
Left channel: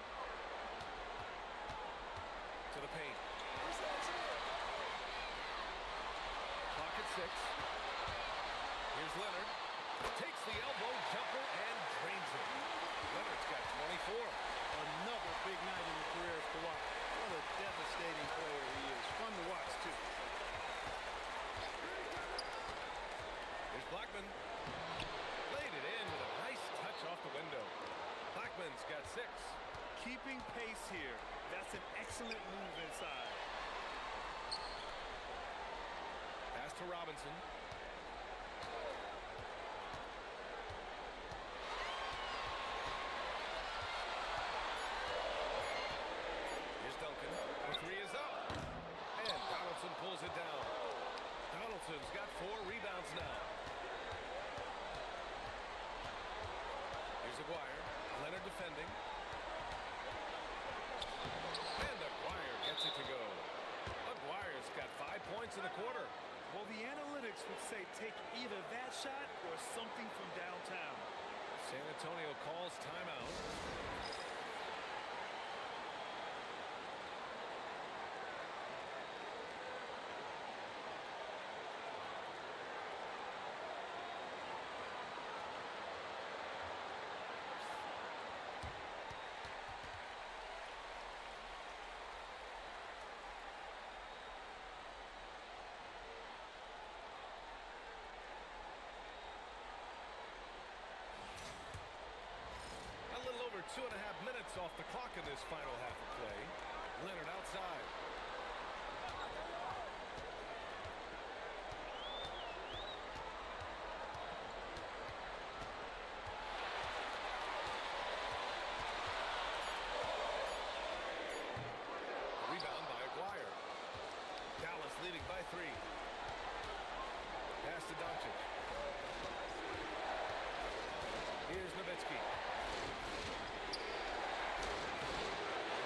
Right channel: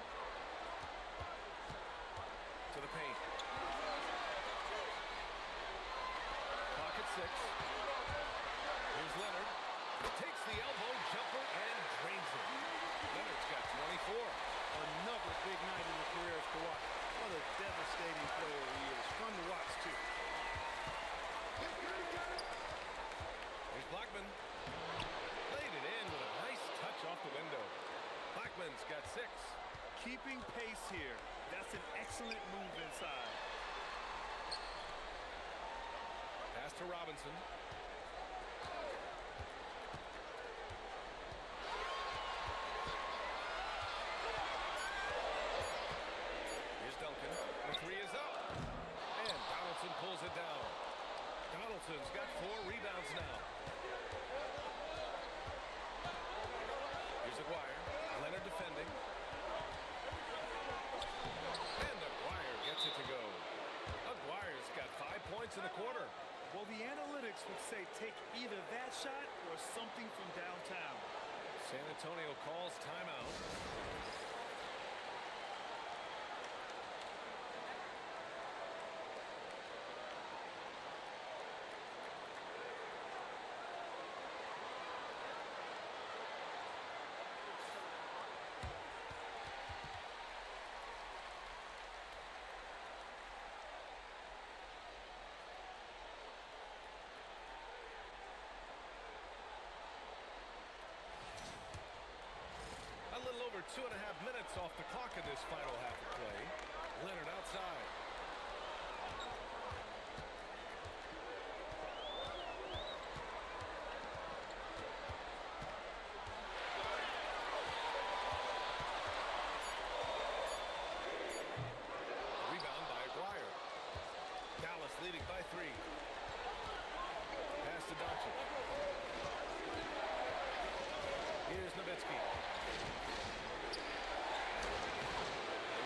To the paint. Clock at 6. Here's Leonard. Takes the elbow jumper and drains it. Leonard's got 24. Another big night in the career of Kawhi. What a devastating player he is. Fun to watch, too. Here's Blackman. Laid it in with a nice touch off the window. Blackman's got 6. Keeping pace here. That's an excellent move inside. Pass to Robinson. Here's Duncan. The 3 is up. And Donaldson pulls it down. Donaldson's got 4 rebounds now. Here's Aguirre. Leonard defending. And Aguirre gets it to go. Aguirre's got take either that shot or something from downtown. San Antonio calls timeout. A little over 2.5 minutes off the clock in this final half of play. Leonard outside. Rebound by Aguirre. Dallas leading by 3. Pass to Doncic. Here's Nowitzki.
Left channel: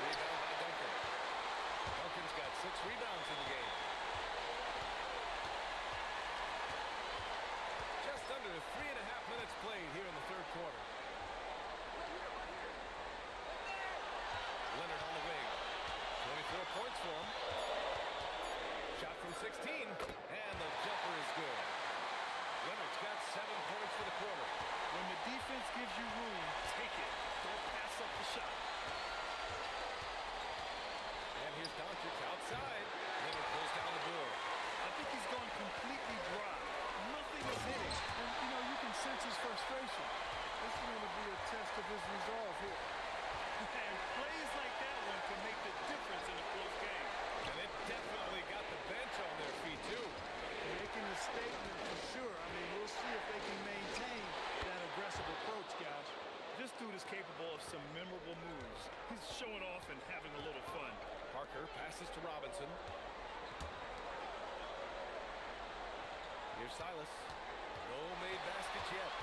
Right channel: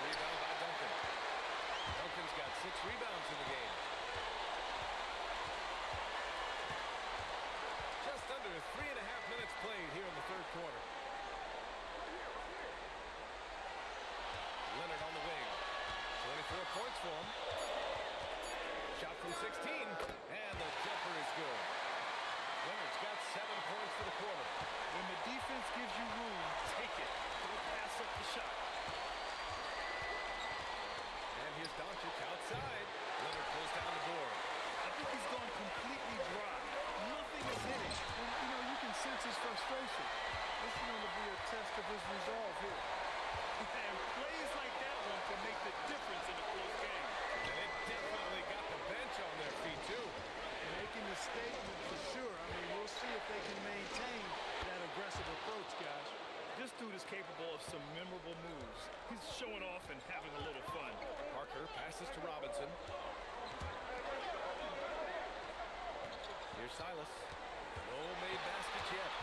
Rebound by Duncan. Duncan's got 6 rebounds in the game. Just under 3.5 minutes played here in the third quarter. Leonard on the wing. 24 points for him. Shot from 16, and the jumper is good. Leonard's got 7 points for the quarter. When the defense gives you room, take it. Don't pass up the shot. And here's Doncic outside. Leonard pulls down the board. I think he's gone completely dry. Nothing is hitting. And, you know, you can sense his frustration. This is going to be a test of his resolve here. And plays like that one can make the difference in a close game. And it definitely got the bench on their feet, too. Making a statement for sure. I mean, we'll see if they can maintain that aggressive approach, guys. This dude is capable of some memorable moves. He's showing off and having a little fun. Parker passes to Robinson. Here's Silas. No made baskets yet.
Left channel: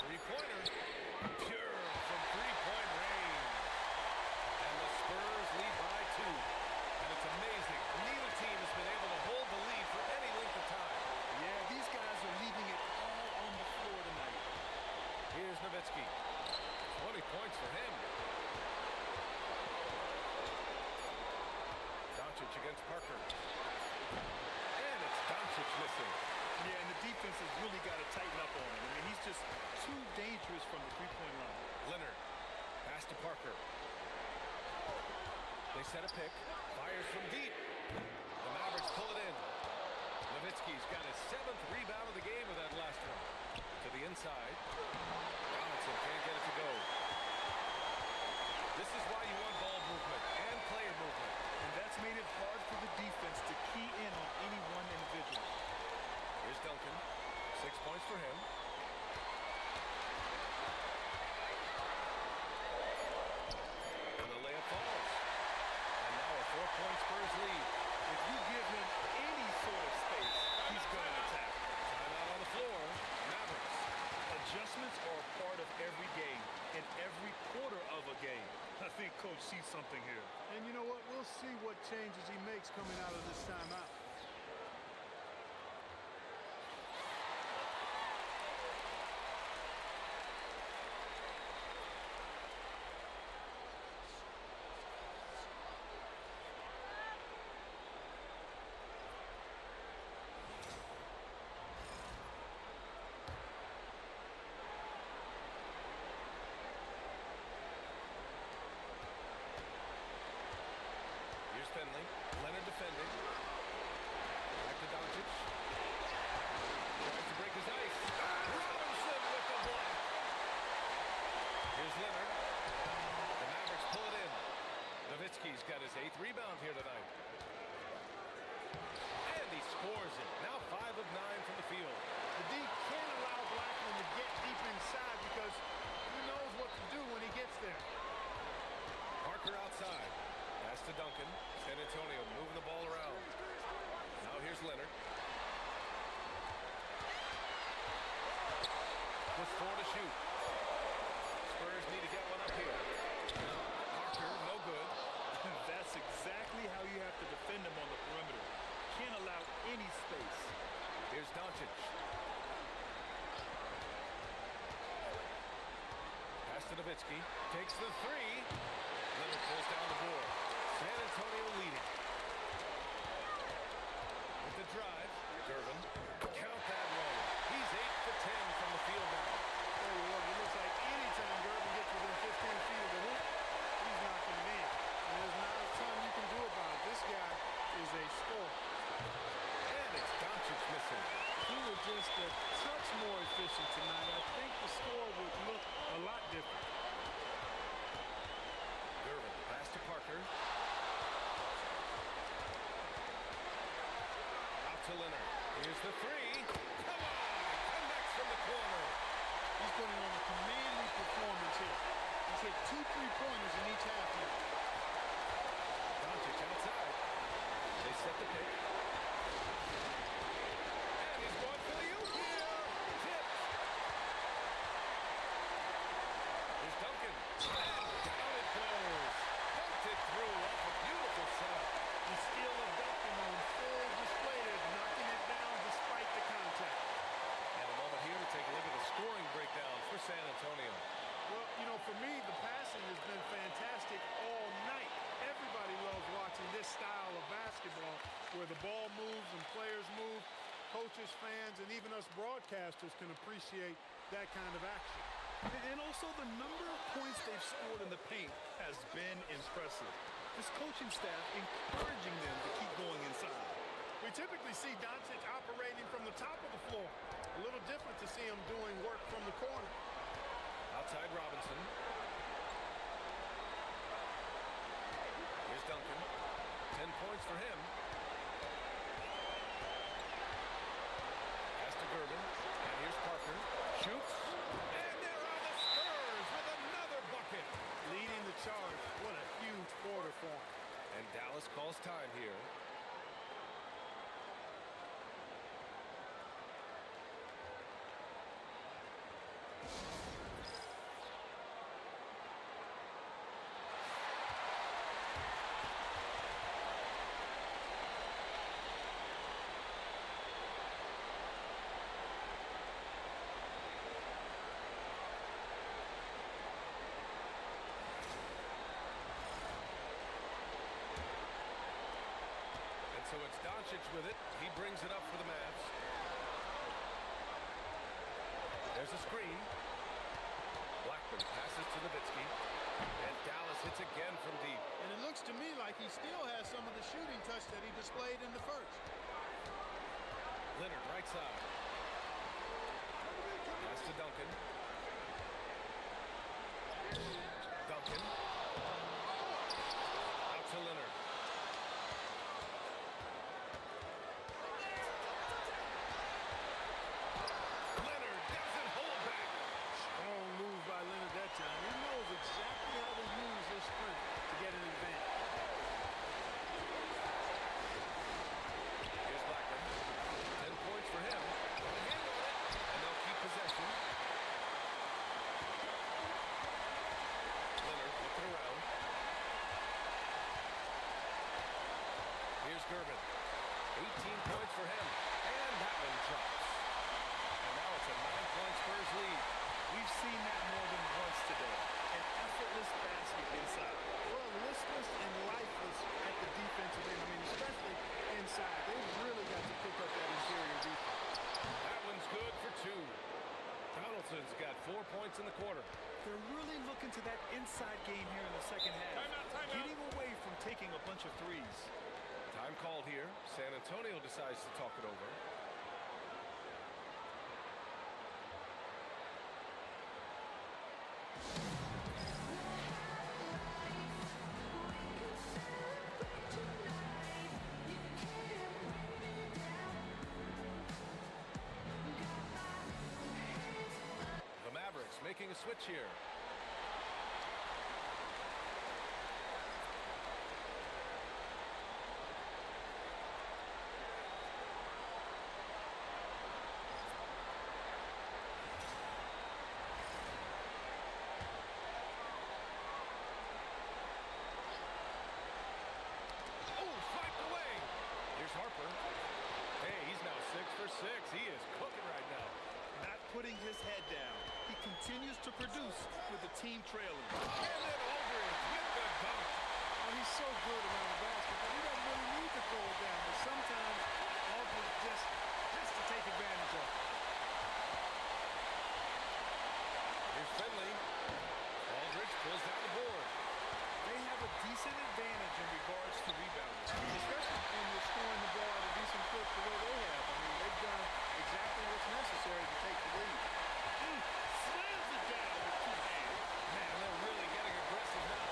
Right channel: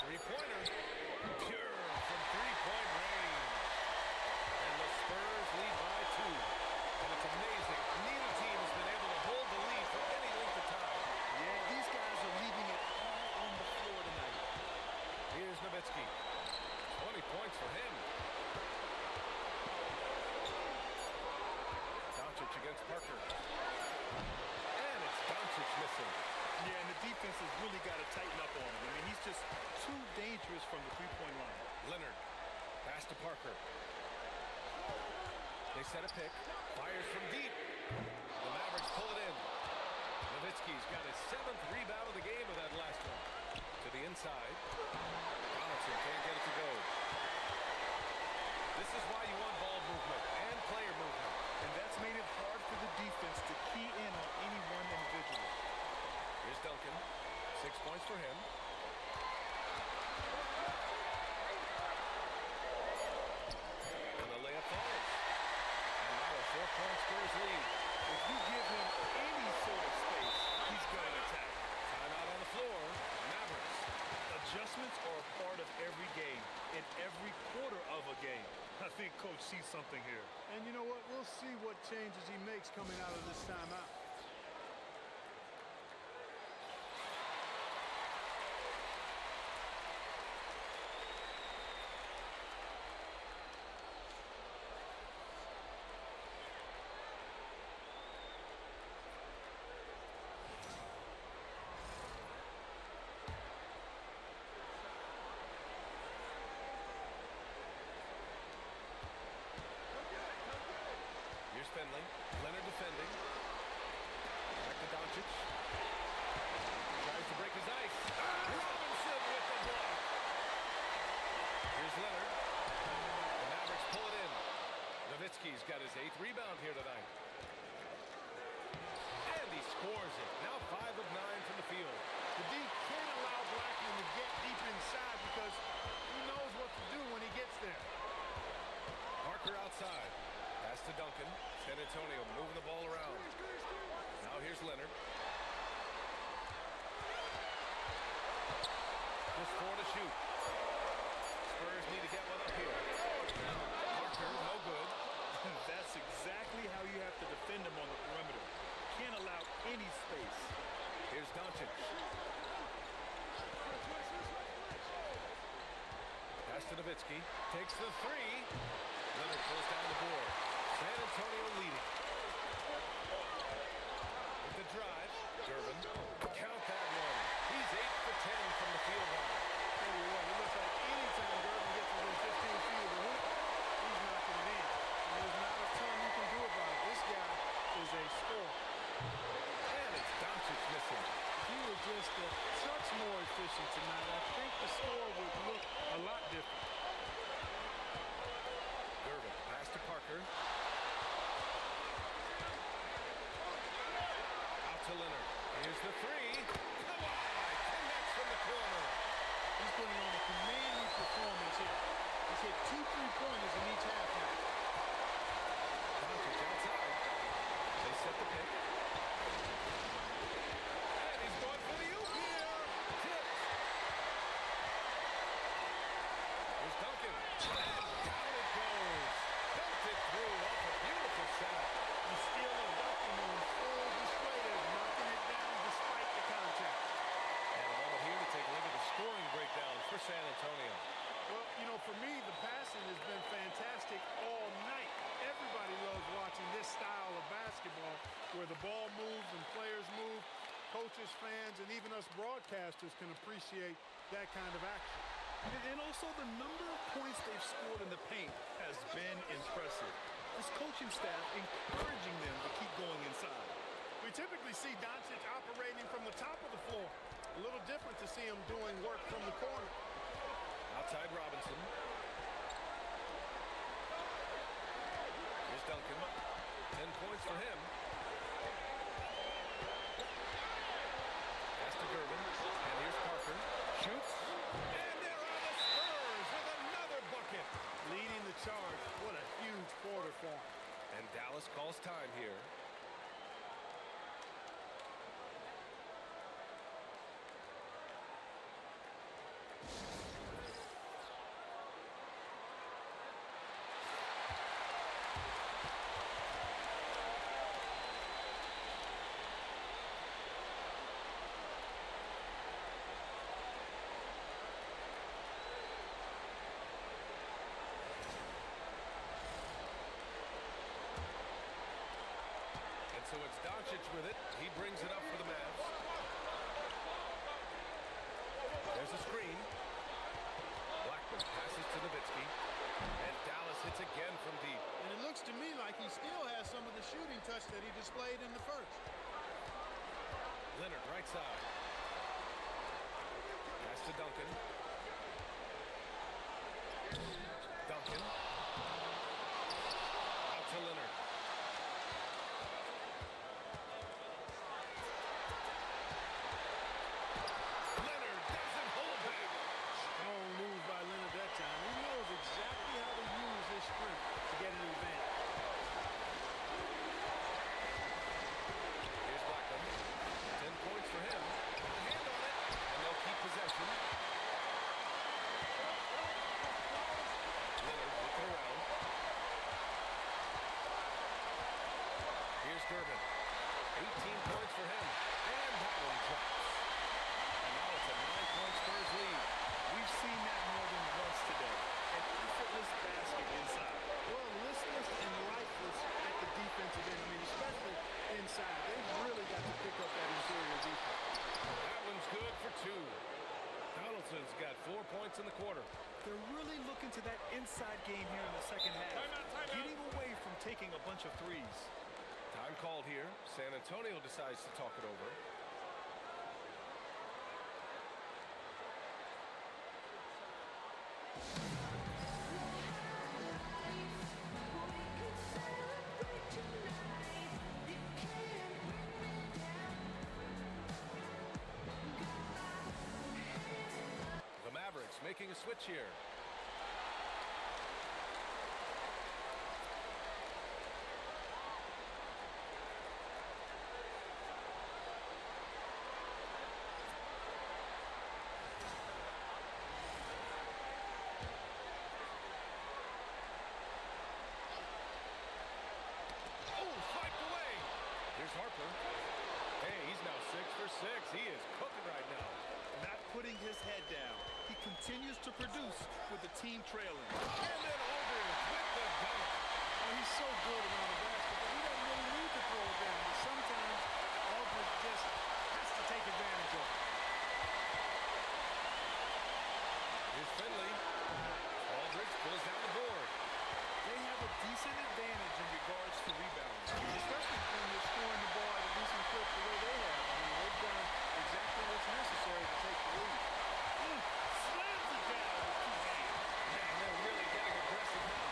Three-pointer. Pure from three-point range. And the Spurs lead by 2. And it's amazing. Neither team has been able to hold the lead for any length of time. Yeah, these guys are leaving it all on the floor tonight. Here's Nowitzki. 20 points for him. Doncic against Parker. And it's Doncic missing. Yeah, and the defense has really got to tighten up on him. I mean, he's just too dangerous from the three-point line. Leonard. Pass to Parker. They set a pick. Fires from deep. The Mavericks pull it in. Nowitzki's got his 7th rebound of the game with that last one. To the inside. Donaldson can't get it to go. This is why you want ball movement and player movement. And that's made it hard for the defense to key in on any one individual. Here's Duncan. 6 points for him. And the layup falls. And now a 4-point Spurs lead. If you give him any sort of space, he's going to attack. Timeout on the floor. Mavericks. Adjustments are a part of every game, in every quarter of a game. I think Coach sees something here. And you know what? We'll see what changes he makes coming out of this timeout. Here's Finley. Leonard defending. Back to Doncic. Tries to break his ice. Robinson with the block. Here's Leonard. The Mavericks pull it in. Nowitzki's got his 8th rebound here tonight. And he scores it. Now 5 of 9 from the field. The D can't allow Blackman to get deep inside because he knows what to do when he gets there. Parker outside. Pass to Duncan. San Antonio moving the ball around. Now here's Leonard. Just 4 to shoot. Spurs need to get one up here. Parker, no good. That's exactly how you have to defend him on the perimeter. Can't allow any space. Here's Doncic. Pass to Nowitzki. Takes the three. Leonard pulls down the board. San Antonio leading. With the drive, Durbin. Count that one. He's 8 for 10 from the field now. Tell you what, it looks like anytime Durbin gets within 15 feet of the hoop, he's knocking it in. And there's not a ton you can do about it. This guy is a scorer. And it's Doncic missing. If he were just a touch more efficient tonight, I think the score would look a lot different. Durbin, pass to Parker. Out to Leonard. Here's the three. Kawhi connects from the corner. He's putting on a commanding performance here. He's hit 2 3-pointers in each half now. Doncic outside. They set the pick. And he's going for the oop here. Tipped. Here's Duncan. And down it goes. Dunked it through off a beautiful setup. The skill of Duncan on full display there, knocking it down despite the contact. And a moment here to take a look at the scoring breakdown for San Antonio. Well, you know, for me, the passing has been fantastic all night. Everybody loves watching this style of basketball where the ball moves and players move. Coaches, fans, and even us broadcasters can appreciate that kind of action. And also the number of points they've scored in the paint has been impressive. This coaching staff encouraging them to keep going inside. We typically see Doncic operating from the top of the floor. A little different to see him doing work from the corner. Outside Robinson. Here's Duncan. 10 points for him. Pass to Durbin. And here's Parker. Shoots. And there are the Spurs with another bucket. Leading the charge. What a huge quarter for him. And Dallas calls time here. So it's Doncic with it. He brings it up for the Mavs. There's a screen. Blackman passes to Nowitzki. And Dallas hits again from deep. And it looks to me like he still has some of the shooting touch that he displayed in the first. Leonard right side. Pass to Duncan. Duncan. Out to Leonard. Time. He knows exactly how to use his strength to get an advantage. Here's Blackman. 10 points for him. Got a hand on it, and they'll keep possession. Leonard looking around. Here's Durbin. 18 points for him, and that one drops. And now it's a 9-point Spurs lead. We've seen that more than once today. An effortless basket inside. Well, listless and lifeless at the defensive end. I mean, especially inside. They've really got to pick up that interior defense. That one's good for 2. Donaldson's got 4 points in the quarter. They're really looking to that inside game here in the second half. Timeout. Getting away from taking a bunch of threes. Time called here. San Antonio decides to talk it over. Mavericks making a switch here. Harper. Hey, he's now 6 for 6. He is cooking right now. Not putting his head down. He continues to produce with the team trailing. And then Aldridge with the dunk. Well, he's so good around the basket that he doesn't really need to throw it down. But sometimes Aldridge just has to take advantage of it. Here's Finley. Aldridge pulls down the board. They have a decent advantage in regards to rebounding. Especially when you're scoring the ball at a decent clip the way they have. I mean, they've done exactly what's necessary to take the lead. Slams it down with 2 hands. Man, they're really getting aggressive now.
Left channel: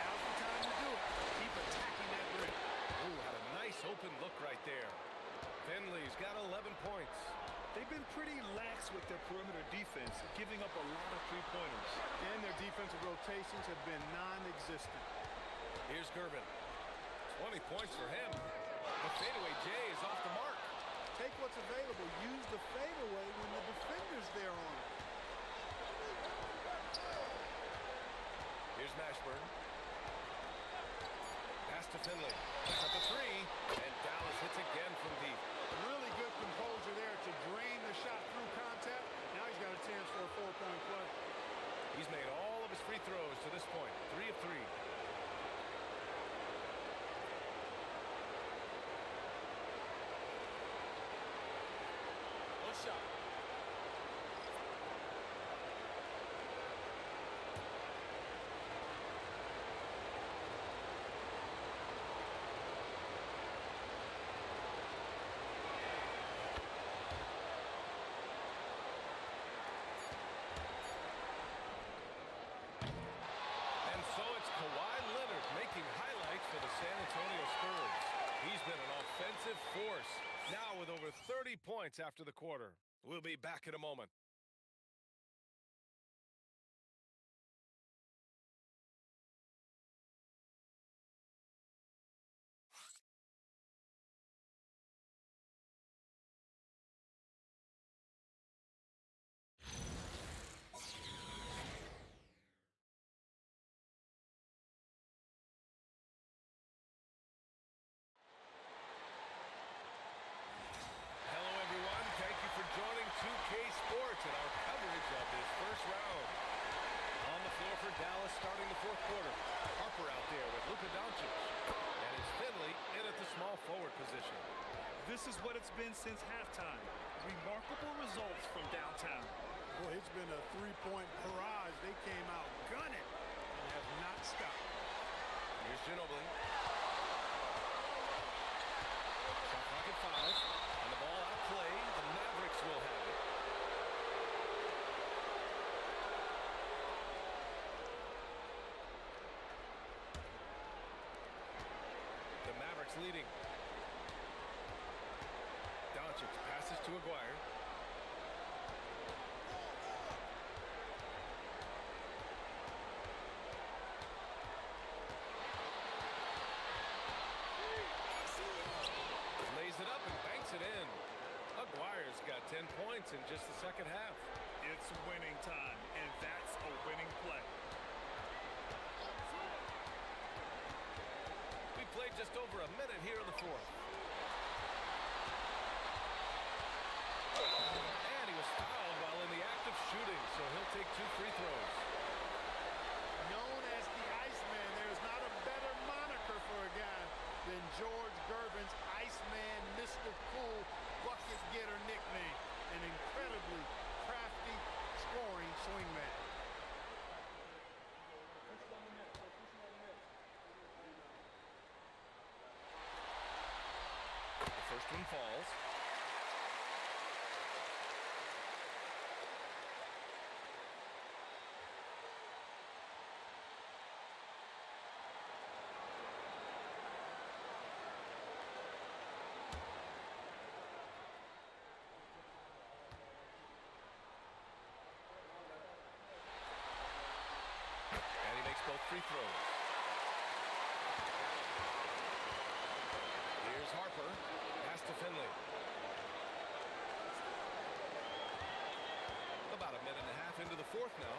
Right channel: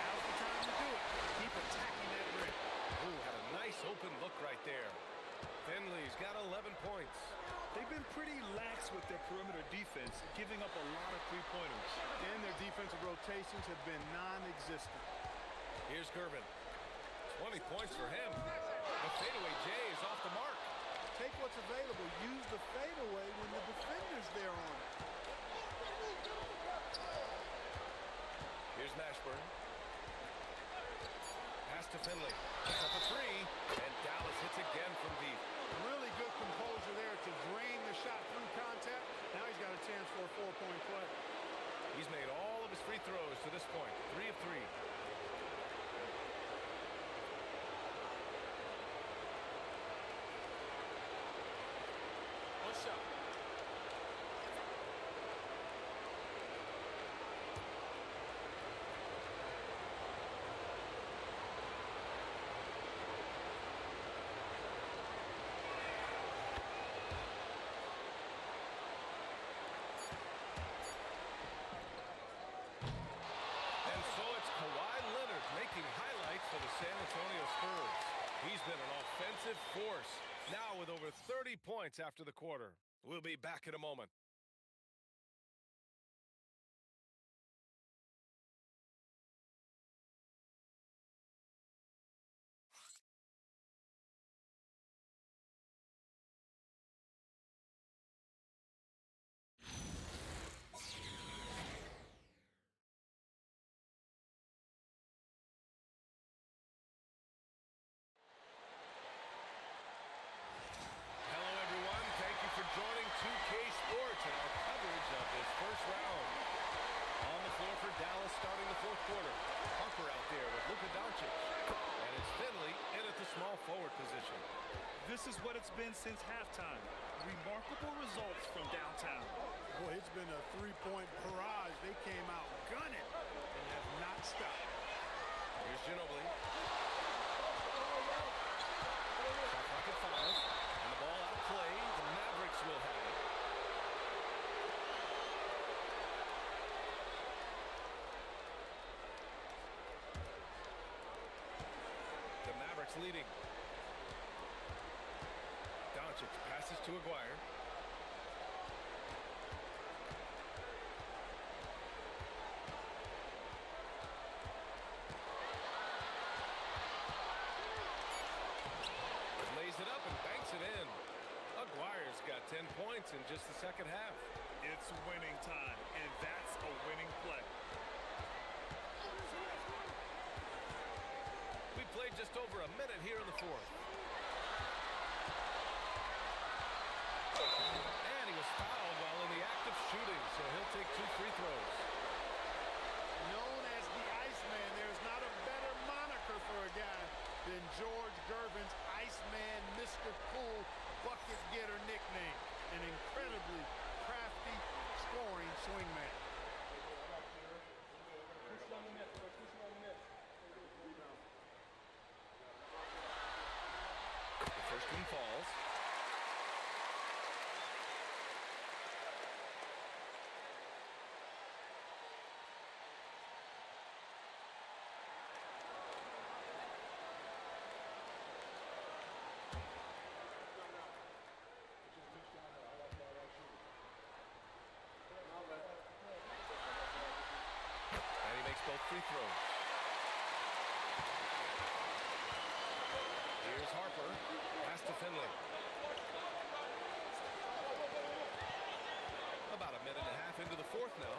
Now's the time to do it. Keep attacking that rim. Ooh, had a nice open look right there. Finley's got 11 points. They've been pretty lax with their perimeter defense, giving up a lot of three-pointers. And their defensive rotations have been non-existent. Here's Gervin. 20 points for him. The fadeaway J is off the mark. Take what's available. Use the fadeaway when the defender's there on it. Here's Mashburn. Pass to Finley. Puts up a 3. And Dallas hits again from deep. Really good composure there to drain the shot through contact. Now he's got a chance for a 4-point play. He's made all of his free throws to this point. 3 of 3. One shot. For the San Antonio Spurs. He's been an offensive force, now with over 30 points after the quarter. We'll be back in a moment. For joining 2K Sports and our coverage of this first round. On the floor for Dallas starting the 4th quarter. Harper out there with Luka Dončić. And it's Finley in at the small forward position. This is what it's been since halftime. Remarkable results from downtown. Boy, it's been a 3-point barrage. They came out gunning and have not stopped. Here's Ginobili. Shot clock at 5. And the ball out of play. The Mavericks will have it. The Mavericks leading. Doncic passes to Aguirre. Lays it up and banks it in. Aguirre's got 10 points in just the second half. It's winning time, and that's a winning play. We played just over a minute here in the 4th. And he was fouled while in the act of shooting, so he'll take 2 free throws. Known as the Iceman, there's not a better moniker for a guy than George Gervin's Iceman Mr. Cool bucket getter nickname. An incredibly crafty scoring swingman. The first one falls. Both free throws. Here's Harper. Pass to Finley. About a minute and a half into the 4th now.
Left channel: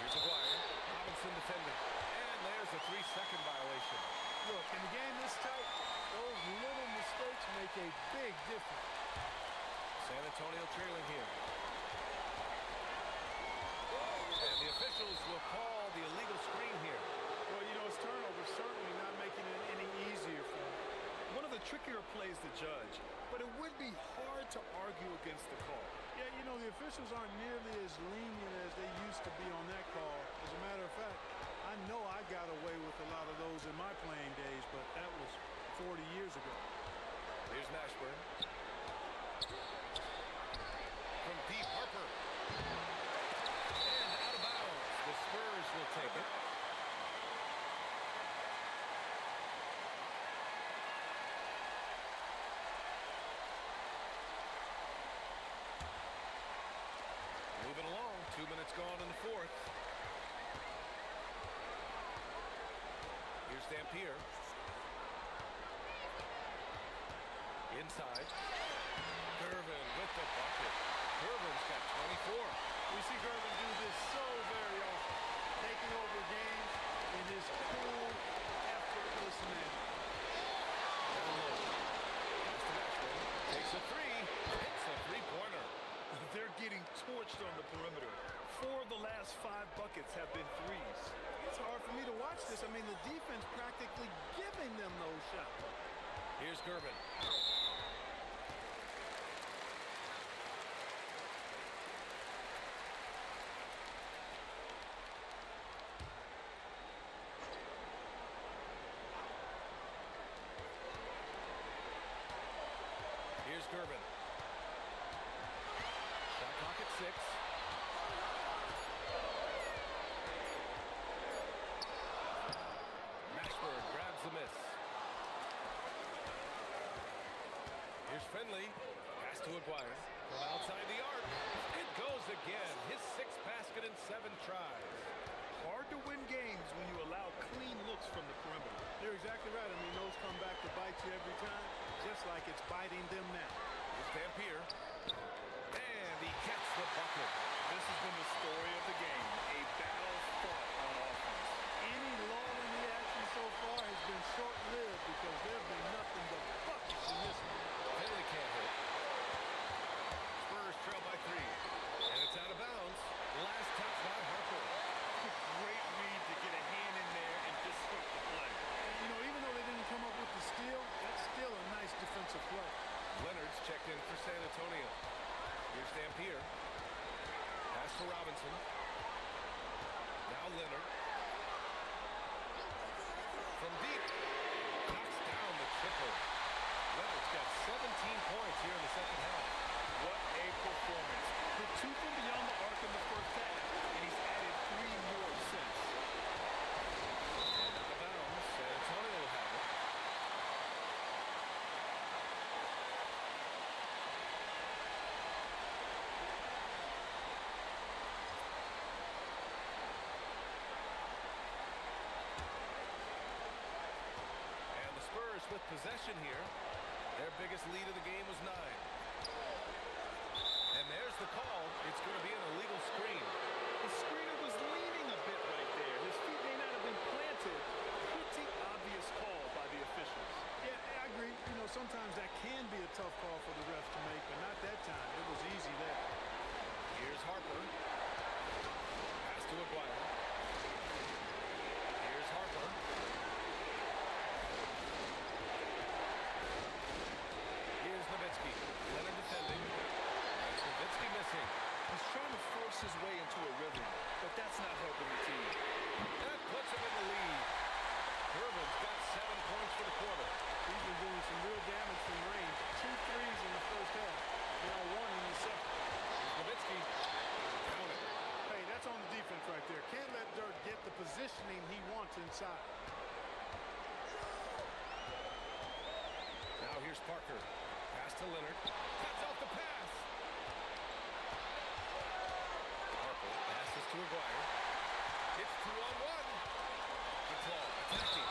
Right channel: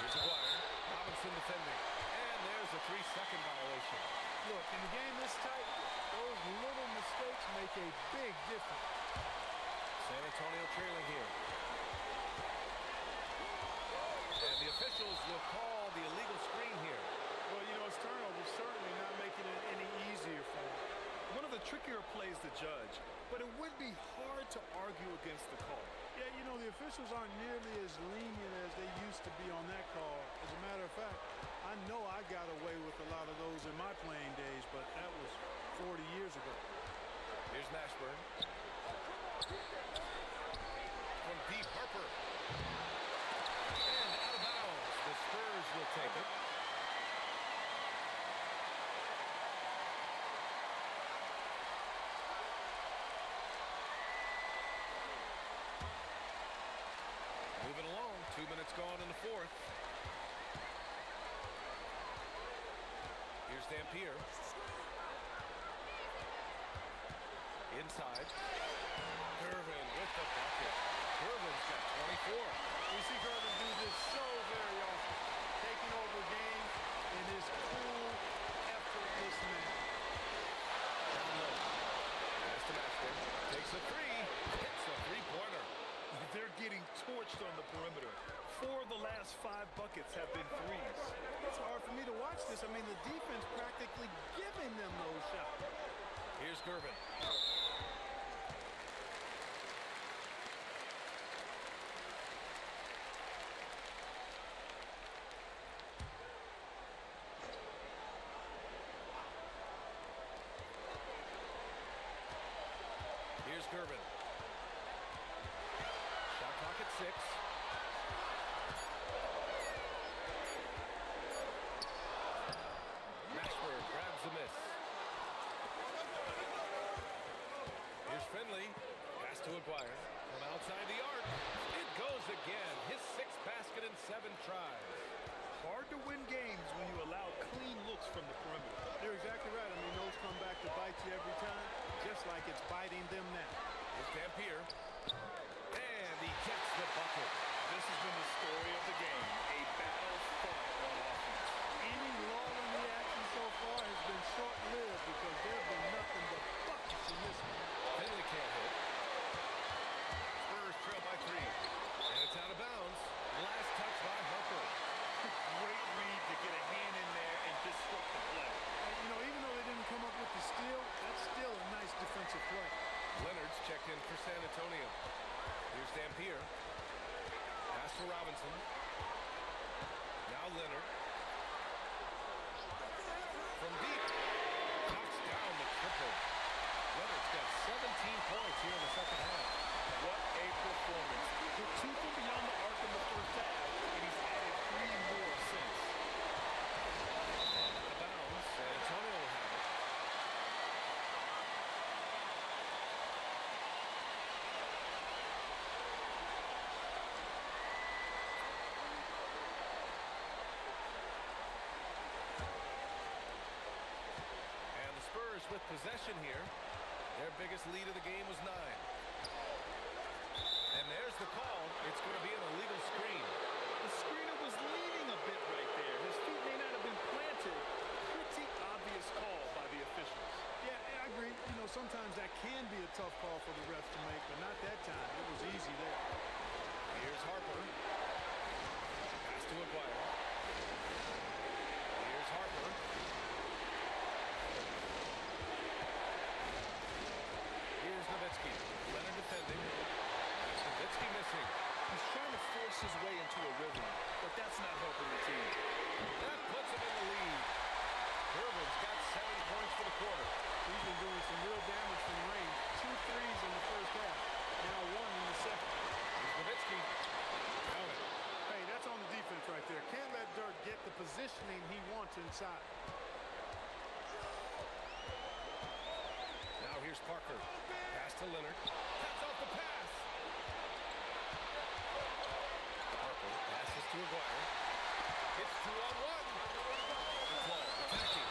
Here's Aguirre. Robinson defending. And And there's a 3-second violation. Look, in a game this tight, those little mistakes make a big difference. San Antonio trailing here. And the officials will call the illegal screen here. Well, you know, his turnover certainly not making it any easier for him. One of the trickier plays to judge, but it would be hard to argue against the call. Yeah, you know, the officials aren't nearly as lenient as they used to be on that call. As a matter of fact, I know I got away with a lot of those in my playing days, but that was 40 years ago. Here's Mashburn. From deep, Harper. And out of bounds. The Spurs will take it. Moving along, 2 minutes gone in the fourth. Here's Dampier. Inside. Gervin with the bucket. Gervin's got 24. We see Gervin do this so very often, taking over games in his cool, effortless manner. Down low. Pass to Mashburn. Takes a three. Hits a three-pointer. They're getting torched on the perimeter. 4 of the last 5 buckets have been threes. It's hard for me to watch this. I mean, the defense practically giving them those shots. Here's Gervin. Here's Gervin. Shot clock at 6. Mashburn grabs the miss. Here's Finley. Pass to Aguirre. From outside the arc. It goes again. His 6th basket in 7 tries. Hard to win games when you allow clean looks from the perimeter. You're exactly right. I mean, those come back to bite you every time, just like it's biting them now. Here's Dampier. And he gets the bucket. This has been the story of the game, a battle fought on offense. Any lull in the action so far has been short-lived because there have been nothing but buckets in this one. Finley can't hit. Spurs trail by 3. And it's out of bounds. Last touch by Harper. Great read to get a hand in there and disrupt the play. And, you know, even though they didn't come up with the steal, that's still a nice defensive play. Leonard's checked in for San Antonio. Here's Dampier. Pass to Robinson. Now Leonard. From deep. Knocks down the triple. Leonard's got 17 points here in the second half. What a performance. Hit 2 from beyond the arc in the first half, and he's added 3 more since. And out of bounds. San Antonio will have it. And the Spurs with possession here. Their biggest lead of the game was 9. And there's the call. It's going to be an illegal screen. The screener was leaning a bit right there. His feet may not have been planted. Pretty obvious call by the officials. Yeah, I agree. You know, sometimes that can be a tough call for the refs to make, but not that time. It was easy there. Here's Harper. Pass to Aguirre. Here's Harper. Here's Nowitzki. Leonard defending. That's Nowitzki missing. He's trying to force his way into a rhythm, but that's not helping the team. That puts him in the lead. Gervin's got 7 points for the quarter. He's been doing some real damage from range. 2 threes in the first half. Now 1 in the second. Here's Nowitzki. Count it. Hey, that's on the defense right there. Can't let Dirk get the positioning he wants inside. Now here's Parker. Pass to Leonard. Cuts off the pass. Harper passes to Aguirre. It's 2-on-1. Good ball. Attacking.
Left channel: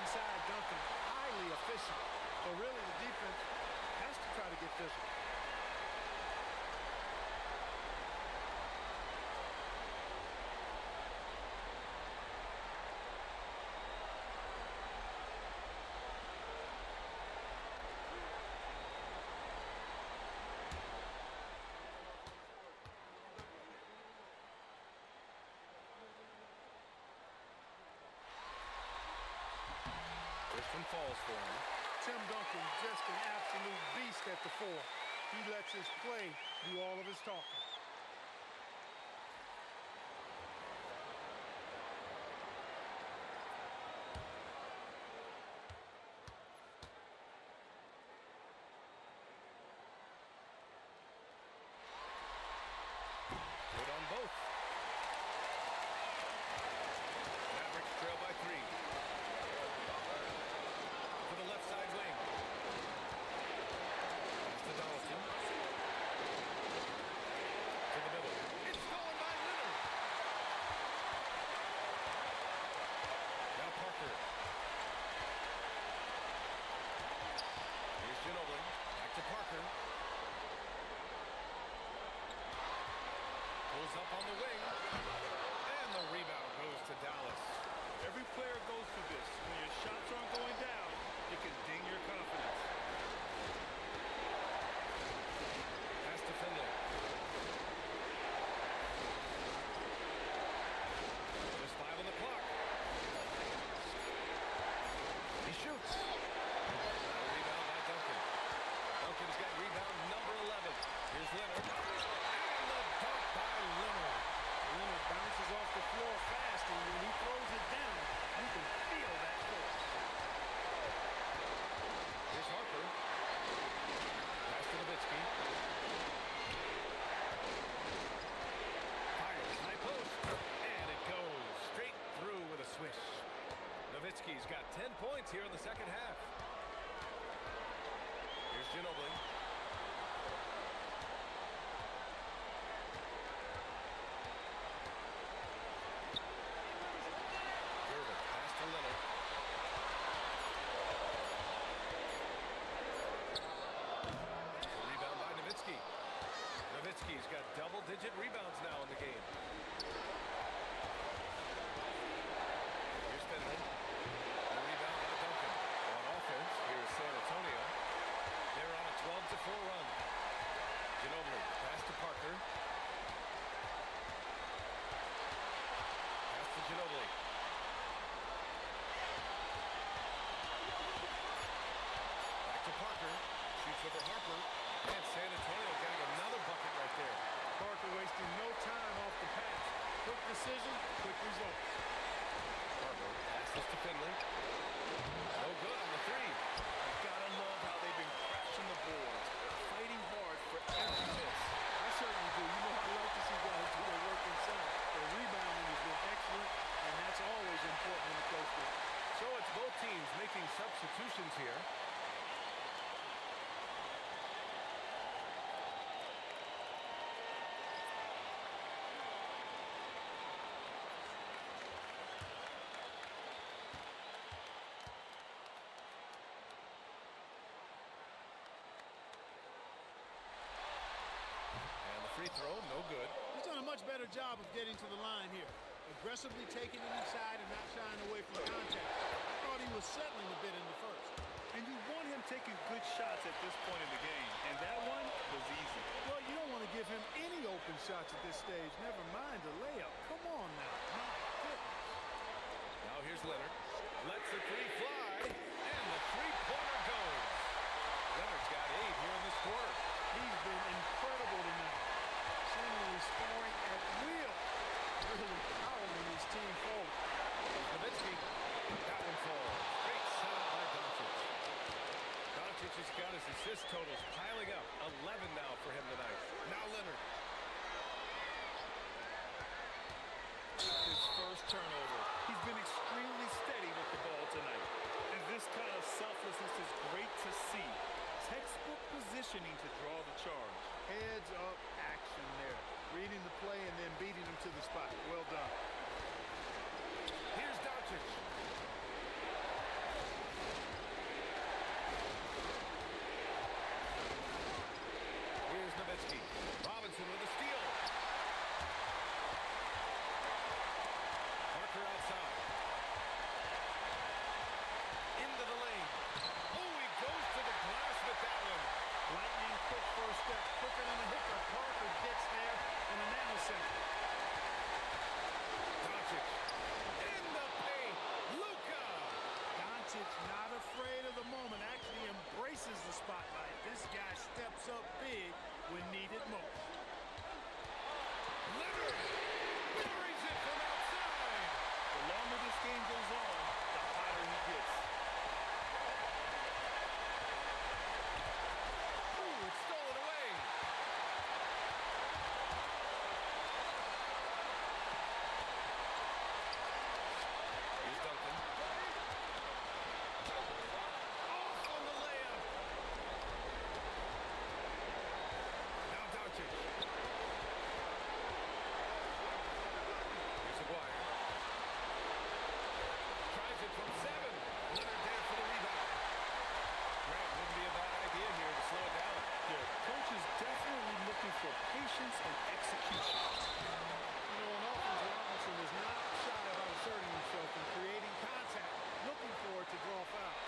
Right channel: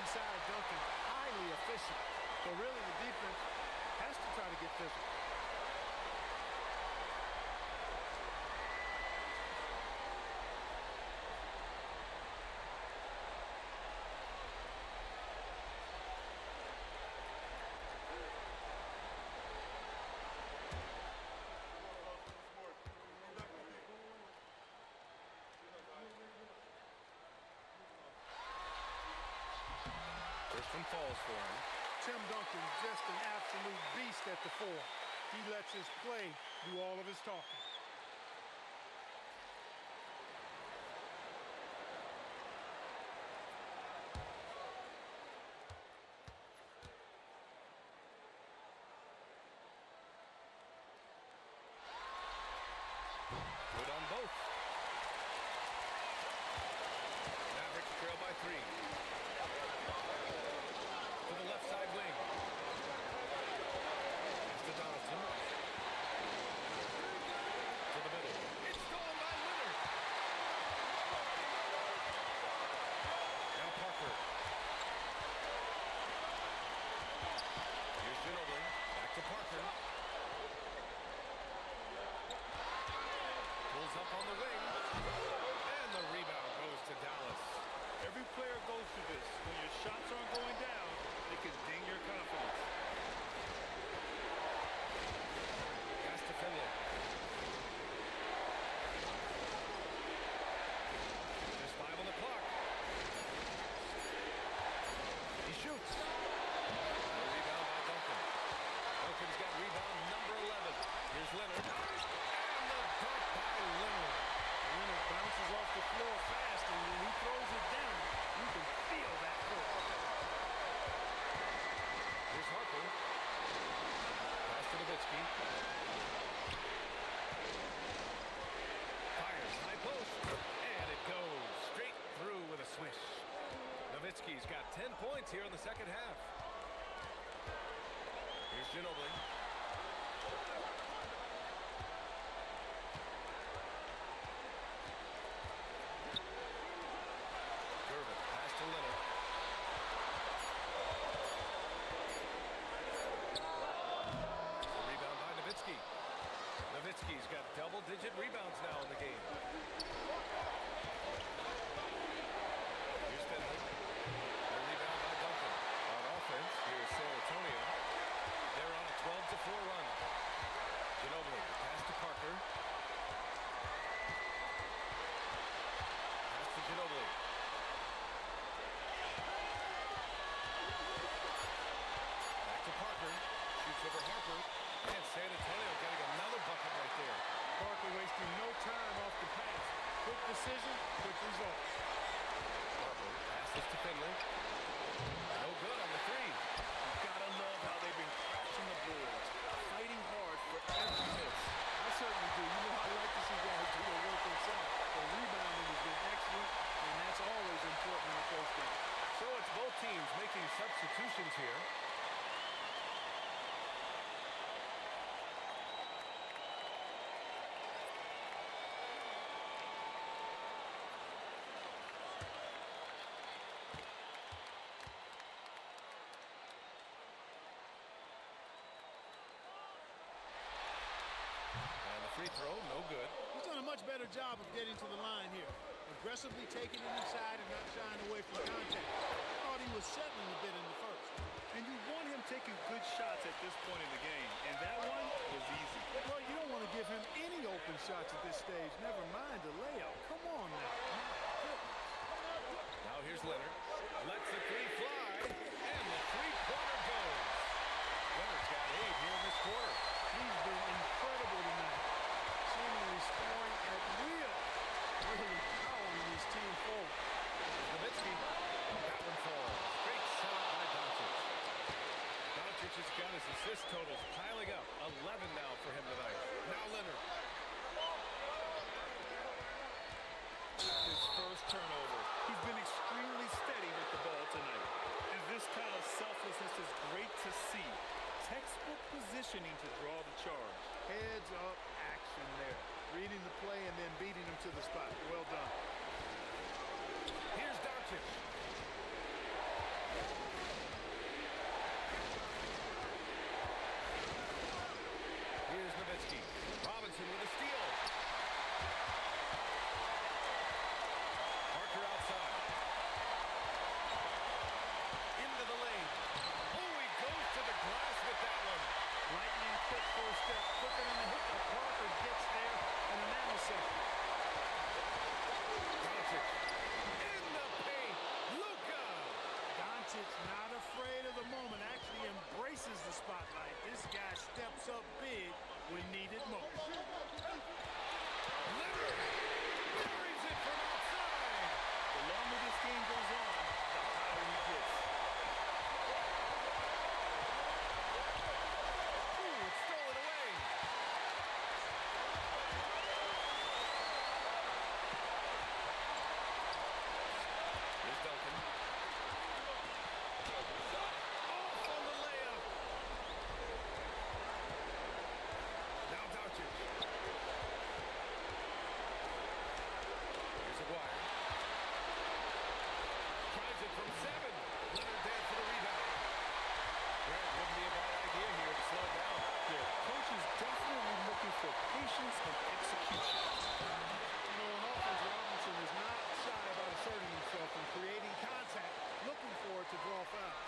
Inside, Duncan, highly efficient. So really the defense has to try to get physical. First one falls for him. Tim Duncan, just an absolute beast at the 4. He lets his play do all of his talking. Good on both. Mavericks trail by 3. To the left side wing. Pass to Donaldson. To the middle. It's stolen by Leonard. Now Parker. Here's Ginobili. Back to Parker. Pulls up on the wing. And the rebound goes to Dallas. Every player goes through this. When your shots aren't going down, it can ding your confidence. Pass to Finley. Just 5 on the clock. He shoots. No rebound by Duncan. Duncan's got rebound number 11. Here's Leonard. And the dunk by Leonard. Leonard bounces off the floor fast, and when he throws it down, you can feel that force. Here's Harper. Pass to Nowitzki. Fires high post. And it goes straight through with a swish. Nowitzki's got 10 points here in the second half. Here's Ginobili. Pass to Leonard. The rebound by Nowitzki. Nowitzki's got double-digit rebounds now in the game. Here's Finley. The rebound by Duncan. On offense, here's San Antonio. They're on a 12-4 run. Ginobili, the pass to Parker. Pass to Ginobili. To Parker, shoots over Harper, and San Antonio getting another bucket right there. Parker wasting no time off the pass. Quick decision, quick results. Harper passes to Finley. No good on the 3. You've got to love how they've been crashing the boards, fighting hard for every miss. I certainly do. You know, I like to see guys do their work inside. The rebounding has been excellent, and that's always important in a close game. So it's both teams making substitutions here. Free throw, no good. He's done a much better job of getting to the line here. Aggressively taking it inside and not shying away from contact. I thought he was settling a bit in the first. And you want him taking good shots at this point in the game. And that one was easy. Well, you don't want to give him any open shots at this stage. Never mind a layup. Come on now. My goodness. Now here's Leonard. Lets the 3 fly. And the three-pointer goes. Leonard's got 8 here in this quarter. He's been incredible tonight. Seemingly scoring at will. Really powering his team forward. Here's Nowitzki. That one falls. Great setup by Doncic. Doncic has got his assist totals piling up. 11 now for him tonight. Now Leonard. His first turnover. He's been extremely steady with the ball tonight. And this kind of selflessness is great to see. Textbook positioning to draw the charge. Heads up action there. Reading the play and then beating him to the spot. Well done. Here's Doncic. Here's Nowitzki. Robinson with a steal. Parker outside. Into the lane. Oh, he goes to the glass with that one. Lightning quick first step. Quicker than a hiccup. Parker gets there in a nanosecond. Doncic. In the paint. Luka. Doncic, not afraid of the moment, actually embraces the spotlight. This guy steps up big when needed most. Leonard buries it from outside. The longer this game goes on, the hotter he gets. Ooh, it's stolen away. Here's Duncan. Off on the layup. Now Doncic. Here's Aguirre. Tries it from 7. Leonard there for the rebound. Grant, wouldn't be a bad idea here to slow it down. Yeah, coach is definitely looking for patience and execution. You know, on offense, Robinson is not shy about asserting himself and creating contact, looking for it to draw foul.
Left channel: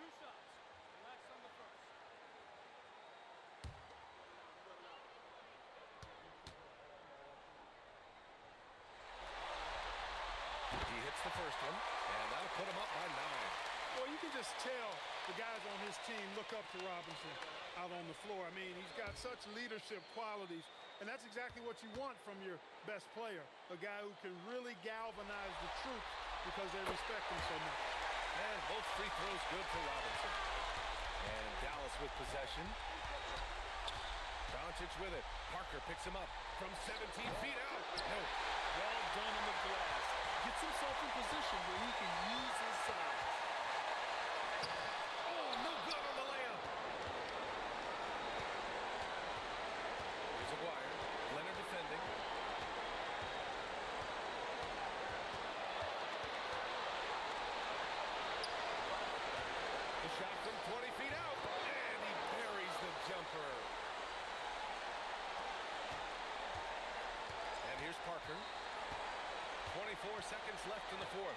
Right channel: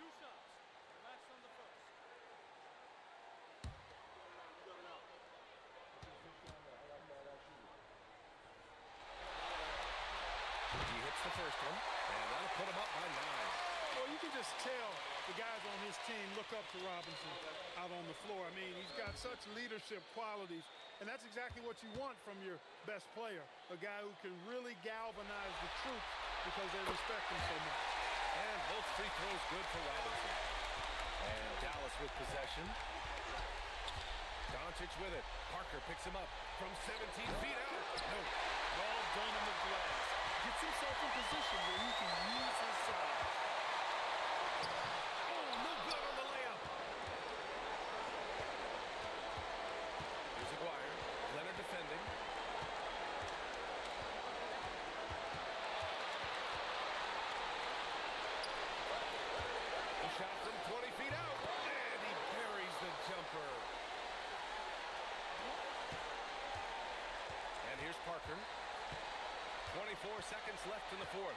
Two shots. Relax on the first. He hits the first one, and that'll put him up by 9. Well, you can just tell the guys on his team look up to Robinson out on the floor. I mean, he's got such leadership qualities, and that's exactly what you want from your best player, a guy who can really galvanize the troops because they respect him so much. And both free throws good for Robinson. And Dallas with possession. Doncic with it. Parker picks him up from 17 feet out. No. Well done on the glass. Gets himself in position where he can use his size. Oh, no good on the layup. Here's Aguirre. Leonard defending. The shot from 20 feet out. And he buries the jumper. And here's Parker. 24 seconds left in the fourth.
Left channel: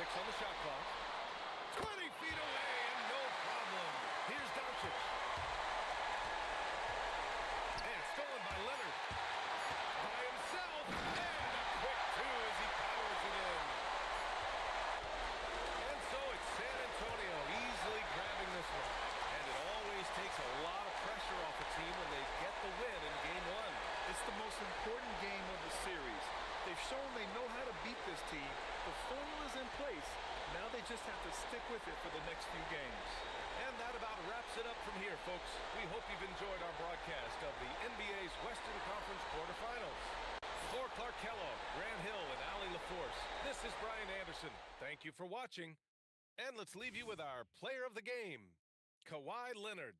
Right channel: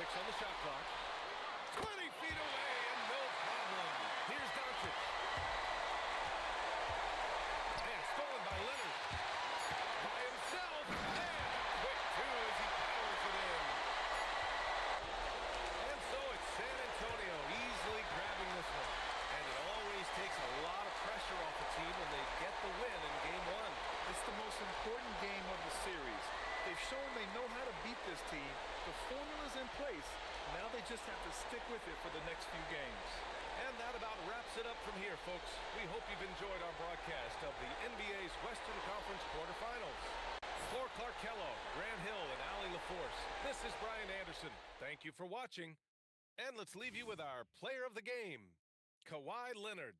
6 on the shot clock. 20 feet away and no problem. Here's Doncic. And stolen by Leonard. By himself. And a quick 2 as he powers it in. And so it's San Antonio easily grabbing this one. And it always takes a lot of pressure off a team when they get the win in game 1. It's the most important game of the series. They've shown they know how to beat this team. The formula's in place. Now they just have to stick with it for the next few games. And that about wraps it up from here, folks. We hope you've enjoyed our broadcast of the NBA's Western Conference quarterfinals. For Clark Kellogg, Grant Hill, and Allie LaForce, this is Brian Anderson. Thank you for watching. And let's leave you with our player of the game, Kawhi Leonard.